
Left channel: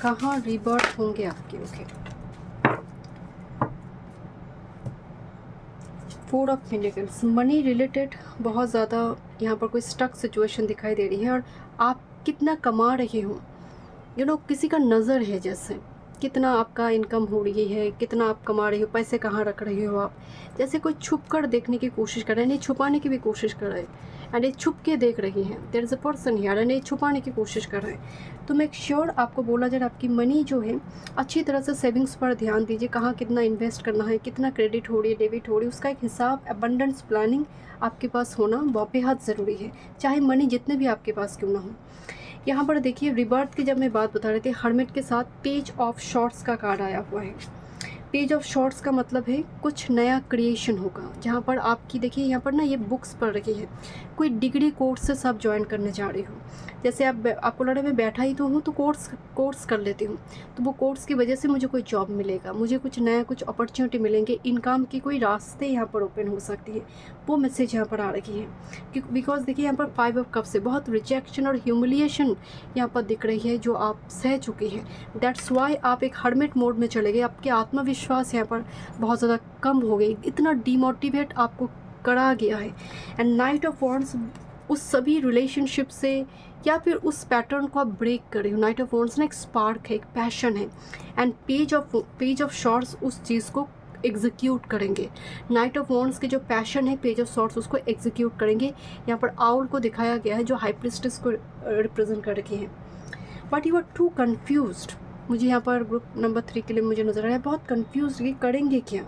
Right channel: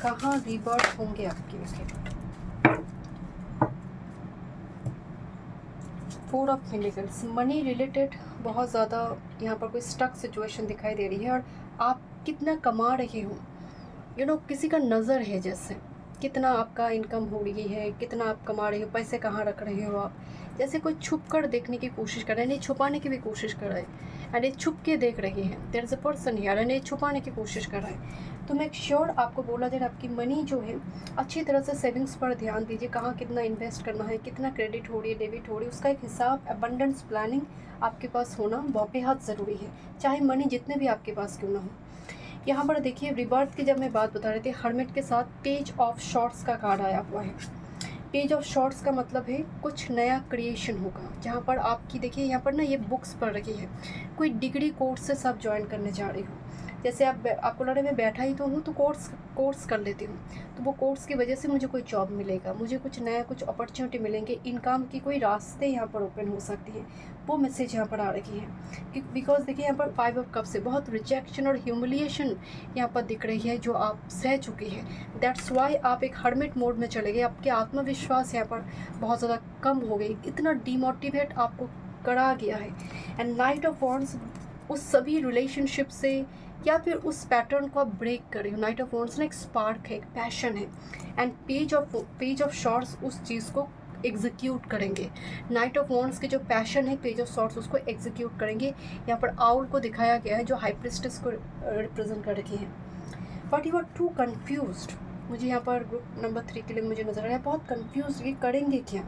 कहाँ रिबर्थ होंगे आपके? Okay, 4 of pentacles, money related बहुत ज़्यादा यहाँ पर कोई स्टक सिचुएशन दिखाई दे रही है और आप कितना कमा रहे हो, किसी का नज़र है, जैसे कितना आपका इनकम हो रही है, कितना आप कमा रहे हो, पैसे कहाँ रख रहे हो आप, जैसे कोई छुप कर देखने की कोशिश कर रहा है, नहीं छुपाने की भी कोशिश कर रहा है। एंड ये छुप के देख रही हैं, there is a person here and ये छुपाने की कोशिश कर रहा है। तो मेक श्योर आपको बोला जाए आपकी मनी जो है अच्छी तरह से सेविंग्स पर ध्यान दीजिए, कहाँ कितना इन्वेस्ट करना है, कितना क्रेडिट हो रही है, डेबिट हो रही है, उसका एक हिसाब, अबंडेंस प्लानिंग आपके पास होना बहुत बेहद ज़रूरी है, चाहे मनी जितने भी आपके पास क्यों ना हो। यहाँ पर देखिए रिबर्थ की जब मैं बात बता रही थी, हर्मिट के साथ पेज ऑफ शॉर्ट्स का कार्ड आया हुआ है। पेज ऑफ शॉर्ट्स का मतलब है कुछ नया क्रिएशन होगा, जहाँ पर आपकी देखिए यहाँ पर ना ये बुक्स पढ़ रही है, कोई डिग्री कोर्सेस आप ज्वाइन करने जा रही हो, जैसे आपको लग रहा है मैं बैठा ही तो हूँ तो कोर्स कर लेती हूँ, तो वो कोर्स की वजह से मुझे कोई जॉब मिलेगा, मुझे कुछ नया कुछ अपॉर्चुनिटी मिलेंगे, इनकम की कोई रास्ते यहाँ पर ओपन हो सकती है, वो मैसेज यहाँ पर आ रही है। बिकॉज देखिए यहाँ पर 5 ऑफ कप्स से बहुत रिजेक्शन और ह्यूमिलिएशन यहाँ पर दिख रही है जो आप सह चुकी है। दैट्स वाई आप एक हर्मिट मोड में चले गए, आपके आत्मविश्वास यहाँ पर बहुत ज़्यादा कम हो गई, इतना डीमोटिवेट आपको करा गया है। एंड नाइट ऑफ वॉन्ड्स उस सभी रिलेशनशिप से या फिर उस पैटर्न को आप ब्रेक कर रहे हो। नाइट ऑफ वॉन्ड्स ना एक स्पार्क है, एक पैशन है, एंड पेज ऑफ शॉर्ट्स उस चीज़ को एग्जीक्यूट करेंगे। नाइट ऑफ वॉन्ड्स के जो पैशन है, पेज ऑफ शॉर्ट्स उसको एग्जीक्यूट करेंगे। यहाँ पर आउल को दिखाया गया है जो हाई प्रिस्टेस को रिप्रेजेंट कर रखी है। But you are too confused, मुझे यहाँ पर ग्रुप नंबर 3 के लिए मुझे नजर आ रहा है बहुत कन्फ्यूज, ये करेंगे क्या।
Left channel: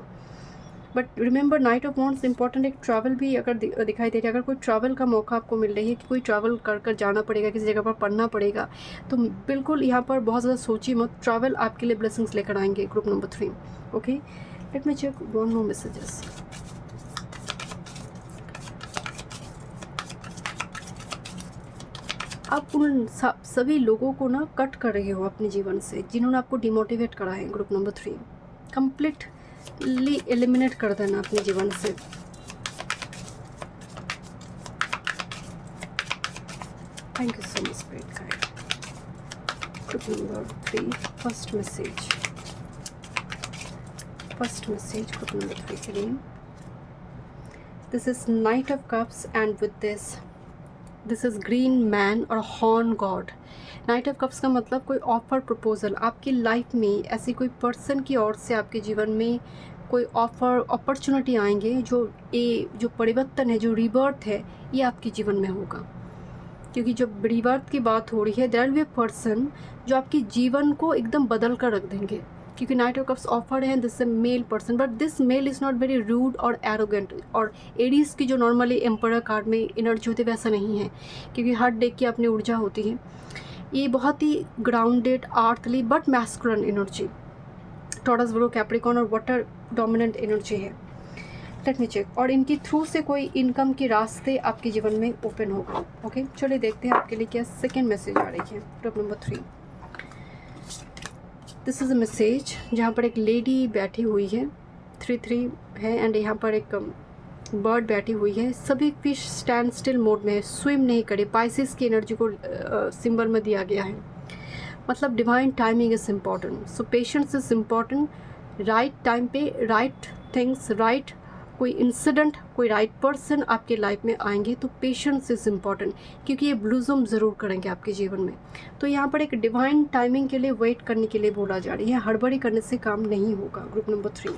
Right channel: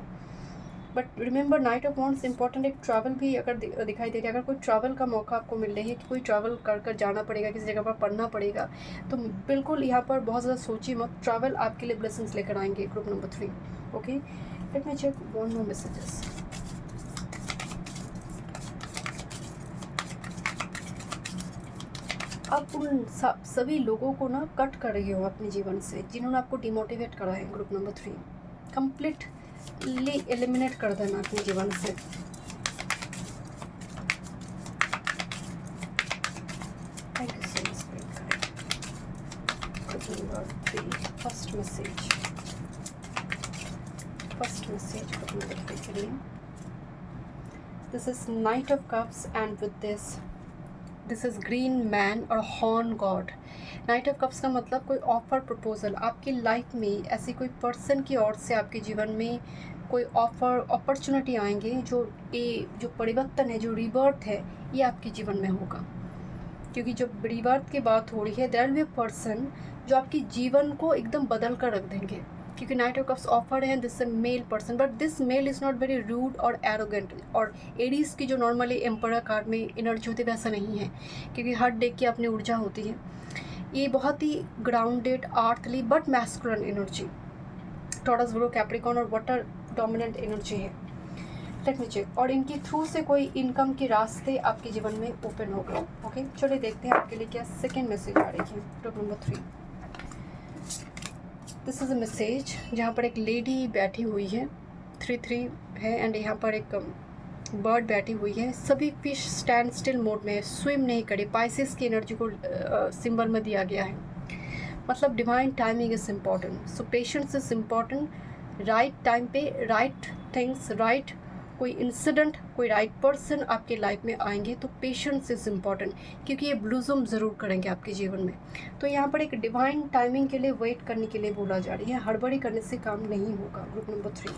But remember night of wands important, एक ट्रैवल भी अगर दिखाई दे रहा है, अगर कोई ट्रैवल का मौका आपको मिल रही है कि कोई ट्रैवल कर जाना पड़ेगा, किसी जगह पर पढ़ना पड़ेगा, तो बिल्कुल यहाँ पर बहुत ज़्यादा सोचिए मत, ट्रैवल आपके लिए ब्लेसिंग्स लेकर आएंगे। Group number 3 okay, let me check one more messages. आप उन सभी लोगों को ना कट कर रही हो अपने जीवन से जिन्होंने आपको डिमोटिवेट करा है। ग्रुप नंबर 3 कंप्लीटली एलिमिनेट कर देना अपने जीवन से। Thank you so much spirit guide. Group number 3 first message group number 3 के लिए, this is knight of cups and with this is green man और horn god. Knight of cups का मतलब कोई ऑफर प्रपोजल आपकी लाइफ में, ऐसी कोई पर्सन की ओर से आपके जीवन में कोई ऑफर अपॉर्चुनिटी आएंगे, जो परिवर्तन है, जो रिबर्थ है, ये आपके जीवन में होगा। क्योंकि जब रिबर्थ की बात हो रही है, there will be a person जो आपके जीवन को एकदम बदल कर रख देंगे। क्योंकि नाइट ऑफ कप्स ऑफर है, this is male person, but this male is not very rude और एरोगेंट। और एरीज की जो नॉर्मली एम्परर कार्ड में एनर्जी होती है वैसा नहीं है, क्योंकि हर डे की अपनी ऊर्जा होती है। ये बहुत ही grounded, earthly but masculine energy, Taurus, Virgo, Capricorn और वाटर डोमिनेंट एनर्जी है। लेट मी चेक, और इनकी थ्रू से कोई इनकम के रास्ते आपके जीवन में ओपन होगा। ओके, चलिए देखते हैं आपके लिए क्या सेकेंड मैसेज आ रही है। Group number 3, this is a message जहाँ पर एक लेडी बैठी हुई है, 3-3 है, एंड यहाँ पर एक बर्ड बैठी हुई है। सभी फिश स्टैंड स्टिल मोड में है, स्विम नहीं करे। पाइसेस की एनर्जी को सिंबल में दिया गया है, मतलब divine timing is important, so patience is important. Right time पे राइट थिंग्स, राइट कोई इंसिडेंट, कोई राइट पर्सन आपके लाइफ में आएंगे, तो पेशेंस इज़ इम्पॉर्टेंट, क्योंकि ये ब्लूजम ज़रूर करेंगे आपके जीवन में। तो यहाँ पर एक डिवाइन टाइमिंग के लिए वेट करने के लिए बोला जा रही है, हड़बड़ी करने से काम नहीं होगा। ग्रुप नंबर 3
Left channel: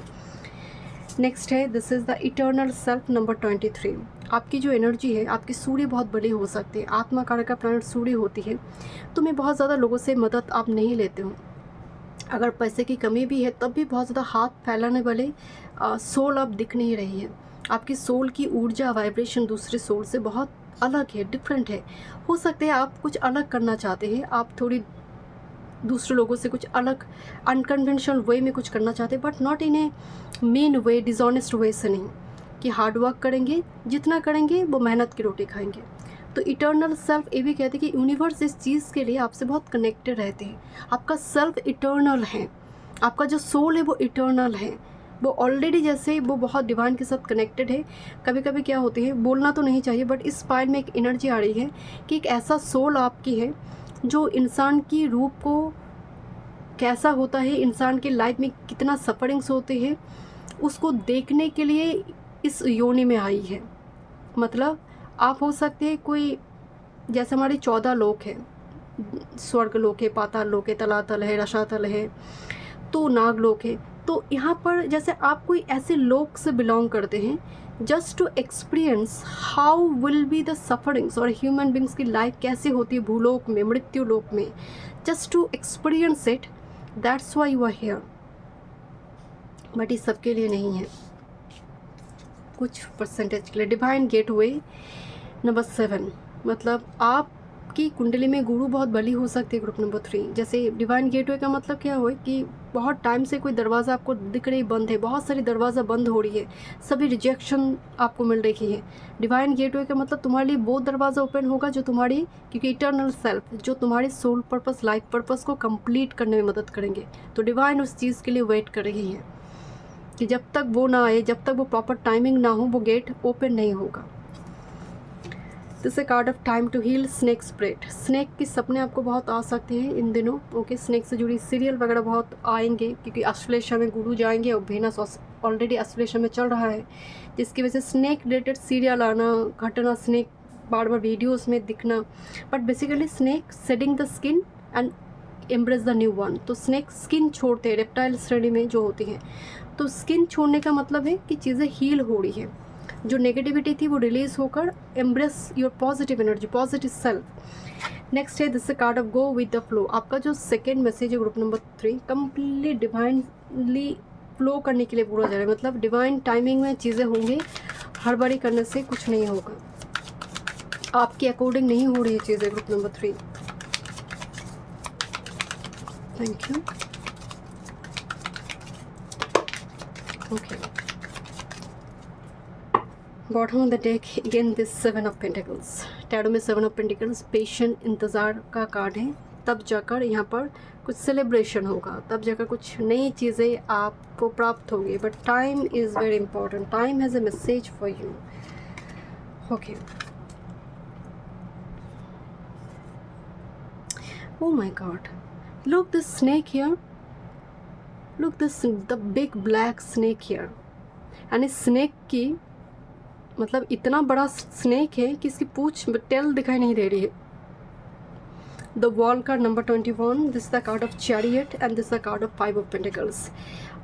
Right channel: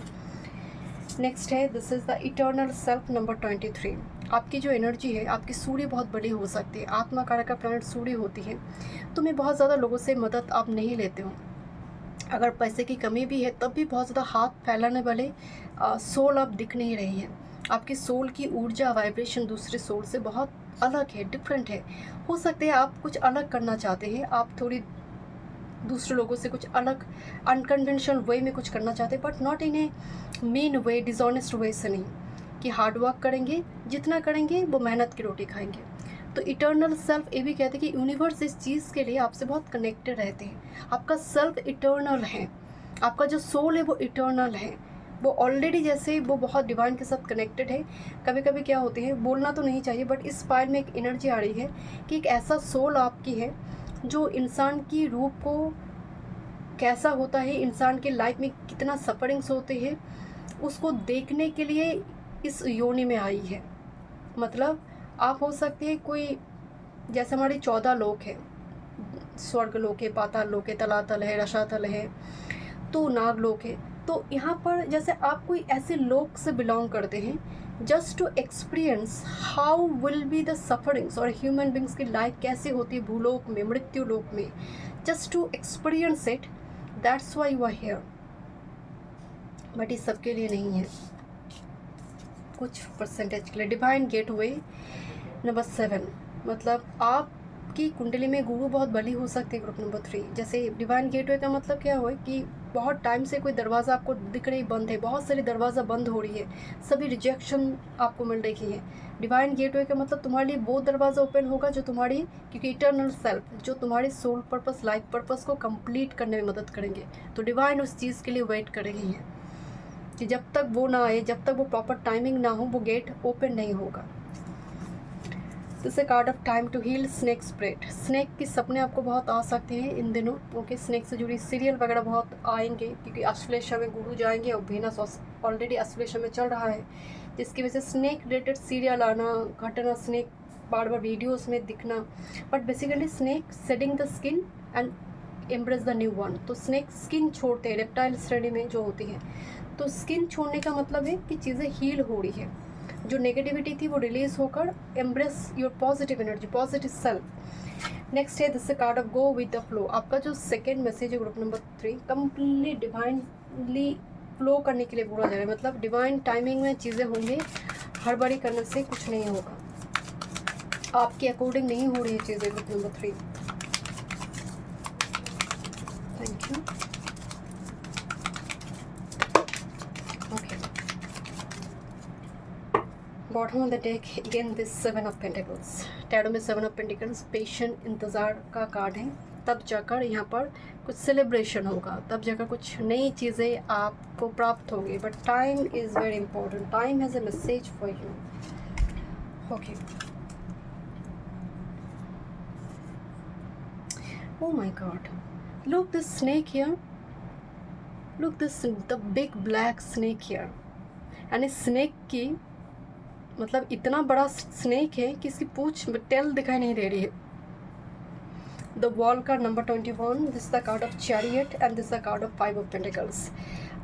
नेक्स्ट है, this is the eternal self number 23। आपकी जो एनर्जी है, आपकी सूर्य बहुत बड़ी हो सकती है, आत्मा कारक का प्लैनेट सूर्य होती है, तो मैं बहुत ज़्यादा लोगों से मदद आप नहीं लेते हो। अगर पैसे की कमी भी है तब भी बहुत ज़्यादा हाथ फैलाने वाले सोल अब दिख नहीं रही है। आपकी सोल की ऊर्जा, वाइब्रेशन दूसरे सोल से बहुत अलग है, डिफरेंट है। हो सकता है आप कुछ अलग करना चाहते हैं, आप थोड़ी दूसरे लोगों से कुछ अलग अनकन्वेंशनल वे में कुछ करना चाहते हैं, but not in a mean way, dishonest way से नहीं, कि हार्ड वर्क करेंगे, जितना करेंगे वो मेहनत की रोटी खाएंगे। तो इटर्नल सेल्फ ये भी कहते हैं कि यूनिवर्स इस चीज़ के लिए आपसे बहुत कनेक्टेड रहते हैं। आपका सेल्फ इटर्नल है, आपका जो सोल है वो इटर्नल है, वो ऑलरेडी जैसे वो बहुत डिवाइन के साथ कनेक्टेड है। कभी कभी क्या होती है, बोलना तो नहीं चाहिए, बट इस पाइल में एक एनर्जी आ रही है कि एक ऐसा सोल आपकी है जो इंसान की रूप को कैसा होता है, इंसान के लाइफ में कितना सफरिंग्स होते हैं, उसको देखने के लिए इस योनि में आई है। मतलब आप हो सकते हैं कोई, जैसे हमारे 14 लोक है, स्वर्ग लोक है, पाताल लोक है, तलातल है, रसातल है, तो नाग लोक है, तो तो यहाँ पर जैसे आप कोई ऐसे लोग से बिलोंग करते हैं just to experience how will be the sufferings, और ह्यूमन बींग्स की लाइफ कैसे होती है भूलोक में, मृत्यु लोक में, just to experience it, that's why you are here. But ये सबके लिए नहीं है, कुछ परसेंटेज के लिए। डिवाइन गेटवे नंबर 7, मतलब आपकी कुंडली में गुरु बहुत बली हो सकती है। ग्रुप नंबर 3, जैसे डिवाइन गेटवे का मतलब क्या हो कि बहुत टाइम से कोई दरवाज़ा आपको दिख रही बंद है, बहुत सारी दरवाज़ा बंद हो रही है, सभी रिजेक्शन आपको मिल रही है। डिवाइन गेटवे का मतलब तुम्हारे लिए वो दरवाज़ा ओपन होगा जो तुम्हारी, क्योंकि इटर्नल सेल्फ जो तुम्हारे सोल पर्पस, लाइफ पर्पस को कंप्लीट करने में मदद करेंगे। तो डिवाइन उस चीज़ के लिए वेट कर रही है कि जब तक वो ना आए, जब तक वो प्रॉपर टाइमिंग ना हो, वो गेट ओपन नहीं होगा। This a card of time to heal snake spread. Snake के सपने आपको बहुत आ सकते हैं इन दिनों। ओके, स्नेक से जुड़ी सीरियल वगैरह बहुत आएंगे, क्योंकि अश्लेषा में गुरु जाएंगे और वेनस ऑलरेडी अश्लेषा में चल रहा है, जिसकी वजह से स्नेक रिलेटेड सीरियल आना, घटना, स्नेक बार बार वीडियोस में दिखना। But basically snake shedding the skin and embrace the new one. तो स्नेक स्किन छोड़ते हैं, रेप्टाइल श्रेणी में जो होती हैं। तो स्किन छोड़ने का मतलब है कि चीज़ें हील हो रही है, जो नेगेटिविटी थी वो रिलीज होकर embrace your positive energy, positive self. Next है this card of go with the flow. आपका जो सेकेंड मैसेज है group number 3, completely divinely flow करने के लिए पूरा जा रहा है। मतलब डिवाइन टाइमिंग में चीज़ें होंगी, हड़बड़ी करने से कुछ नहीं होगा, आपके अकॉर्डिंग नहीं हो रही है चीज़ें। Group number 3, thank you. Okay, bottom of the deck again this 7 of pentacles. Tarot में 7 ऑफ पेंटिकल्स पेशेंट, इंतज़ार का कार्ड है। तब जाकर यहाँ पर कुछ सेलिब्रेशन होगा, तब जाकर कुछ नई चीज़ें आपको प्राप्त होगी। But time is very important, time has a message for you. Okay, oh my god, look this snake here, look this, the big black snake here। and इस स्नेक की मतलब इतना बड़ा स्नेक है कि इसकी पूंछ टेल दिखाई नहीं दे रही है। द वॉल का number 21, this the card of chariot and this the card of 5 of pentacles.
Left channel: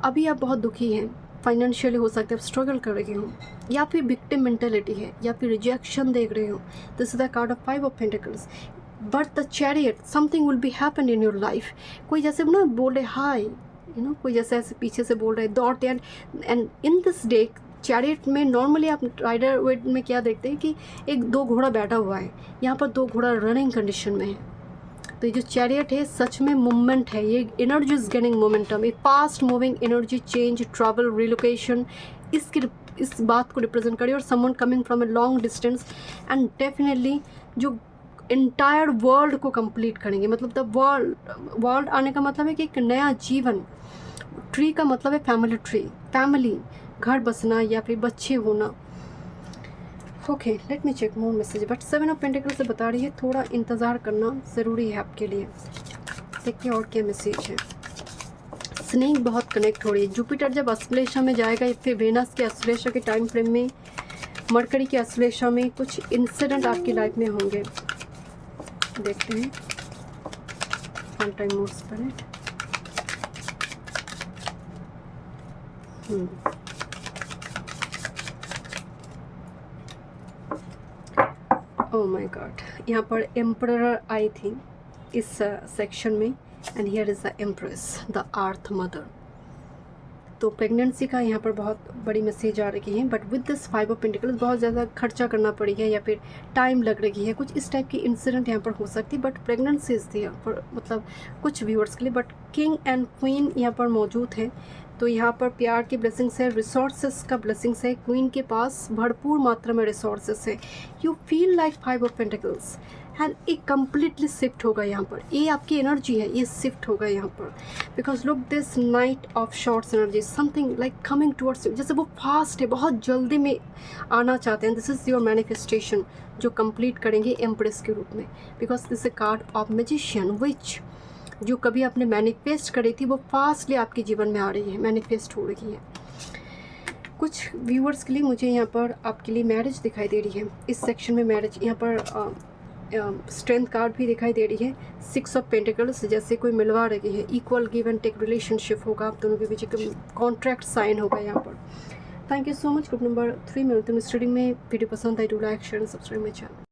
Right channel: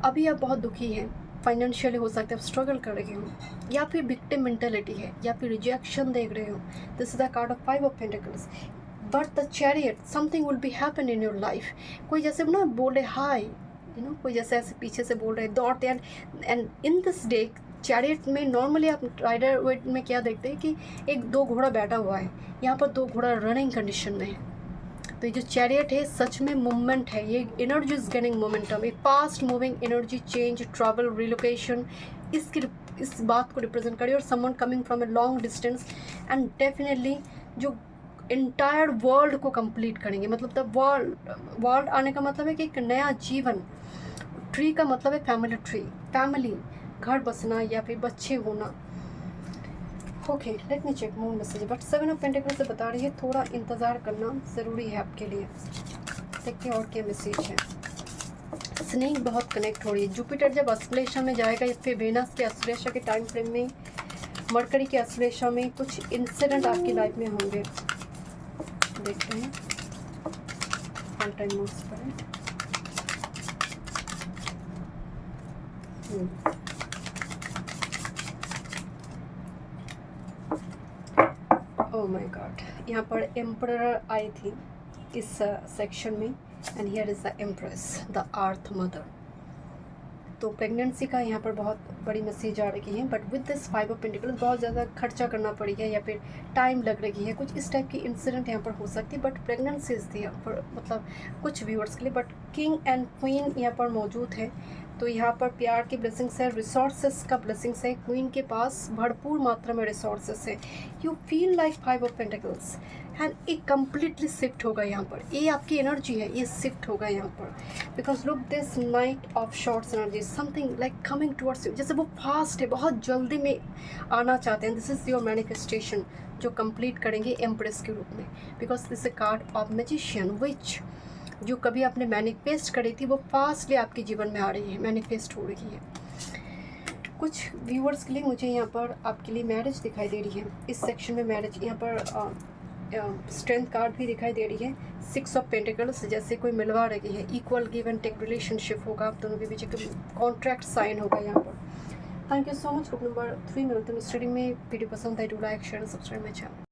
अभी आप बहुत दुखी हैं, फाइनेंशियली हो सकता है आप स्ट्रगल कर रही हो, या फिर विक्टिम मेंटेलिटी है, या फिर रिजेक्शन देख रहे हो। This is the card of 5 of pentacles. But the chariot, something will be happen in your life. कोई जैसे ना बोल रहे हाय, यू नो, कोई जैसे ऐसे पीछे से बोल रहे दौड़ते हैं। And in this day chariot में नॉर्मली आप राइडर वेट में क्या देखते हैं कि एक 2 घोड़ा बैठा हुआ है, यहाँ पर 2 घोड़ा रनिंग कंडीशन में है। तो ये जो चैरियट है सच में मूवमेंट है, ये एनर्जी इज गेनिंग मोमेंटम, ये fast moving energy, change, travel, relocation, इस बात को रिप्रेजेंट करिए। और someone coming from a long distance and definitely जो इंटायर वर्ल्ड को कंप्लीट करेंगे। मतलब द वर्ल्ड आने का मतलब है कि एक नया जीवन। ट्री का मतलब है फैमिली ट्री, फैमिली, घर बसना या फिर बच्चे होना। Okay, let me check more message. But 7 of pentacles से बता रही है थोड़ा इंतज़ार करना ज़रूरी है आपके लिए। देखते हैं और क्या मैसेज है। स्नेक बहुत कनेक्ट हो रही है। जुपिटर जब अश्लेषा में जाएगा, फिर वेनस के अश्लेषा के टाइम फ्रेम में, मरकरी के अश्लेषा में कुछ इंसिडेंट आपकी लाइफ में होंगे। देखते हैं one time more spirit. Oh my God, यहाँ पर एम्परर आई थी इस सेक्शन में, and here is the empress, the earth mother. तो प्रेगनेंसी का यहाँ पर बहुत बड़ी मैसेज आ रही है। But with this 5 of pentacles बहुत ज़्यादा खर्चा करना पड़ी है या फिर टाइम लग रही है, कुछ इस टाइप की इंसिडेंट यहाँ पर हो सकती है। But pregnancy is there for, मतलब कुछ व्यूअर्स के लिए। बट किंग एंड क्वीन यहाँ पर मौजूद है, तो यहाँ पर प्यार की ब्लेसिंग्स है, रिसोर्सेस का ब्लेसिंग्स है। क्वीन के पास भरपूर मात्रा में रिसोर्सेस है। You feel like 5 of pentacles and एक कम्प्लीटली शिफ्ट होगा यहाँ पर। ये आपकी एनर्जी है, ये शिफ्ट होगा यहाँ पर। Because look this night of shorts energy, something like coming towards you, जैसे वो फास्ट है, बहुत जल्दी में आना चाहते हैं। दिस इज़ योर मैनिफेस्टेशन जो कंप्लीट करेंगे एम्प्रेस के रूप में। Because this a card of magician, which जो कभी आपने मैनिफेस्ट करी थी वो फास्टली आपके जीवन में आ रही है, मैनिफेस्ट हो रही है। कुछ व्यूअर्स के लिए मुझे यहाँ पर आपके लिए मैरिज दिखाई दे रही है। इस सेक्शन में मैरिज, यहाँ पर स्ट्रेंथ कार्ड भी दिखाई दे रही है, 6 ऑफ पेंटिकल्स, जैसे कोई मिलवा रही है, equal give and take relationship होगा आप दोनों के बीच, कॉन्ट्रैक्ट साइन होगा यहाँ पर। Thank you so much. Group number 3 में मिलते हैं रीडिंग में। वीडियो पसंद आई तो like share and subscribe my channel.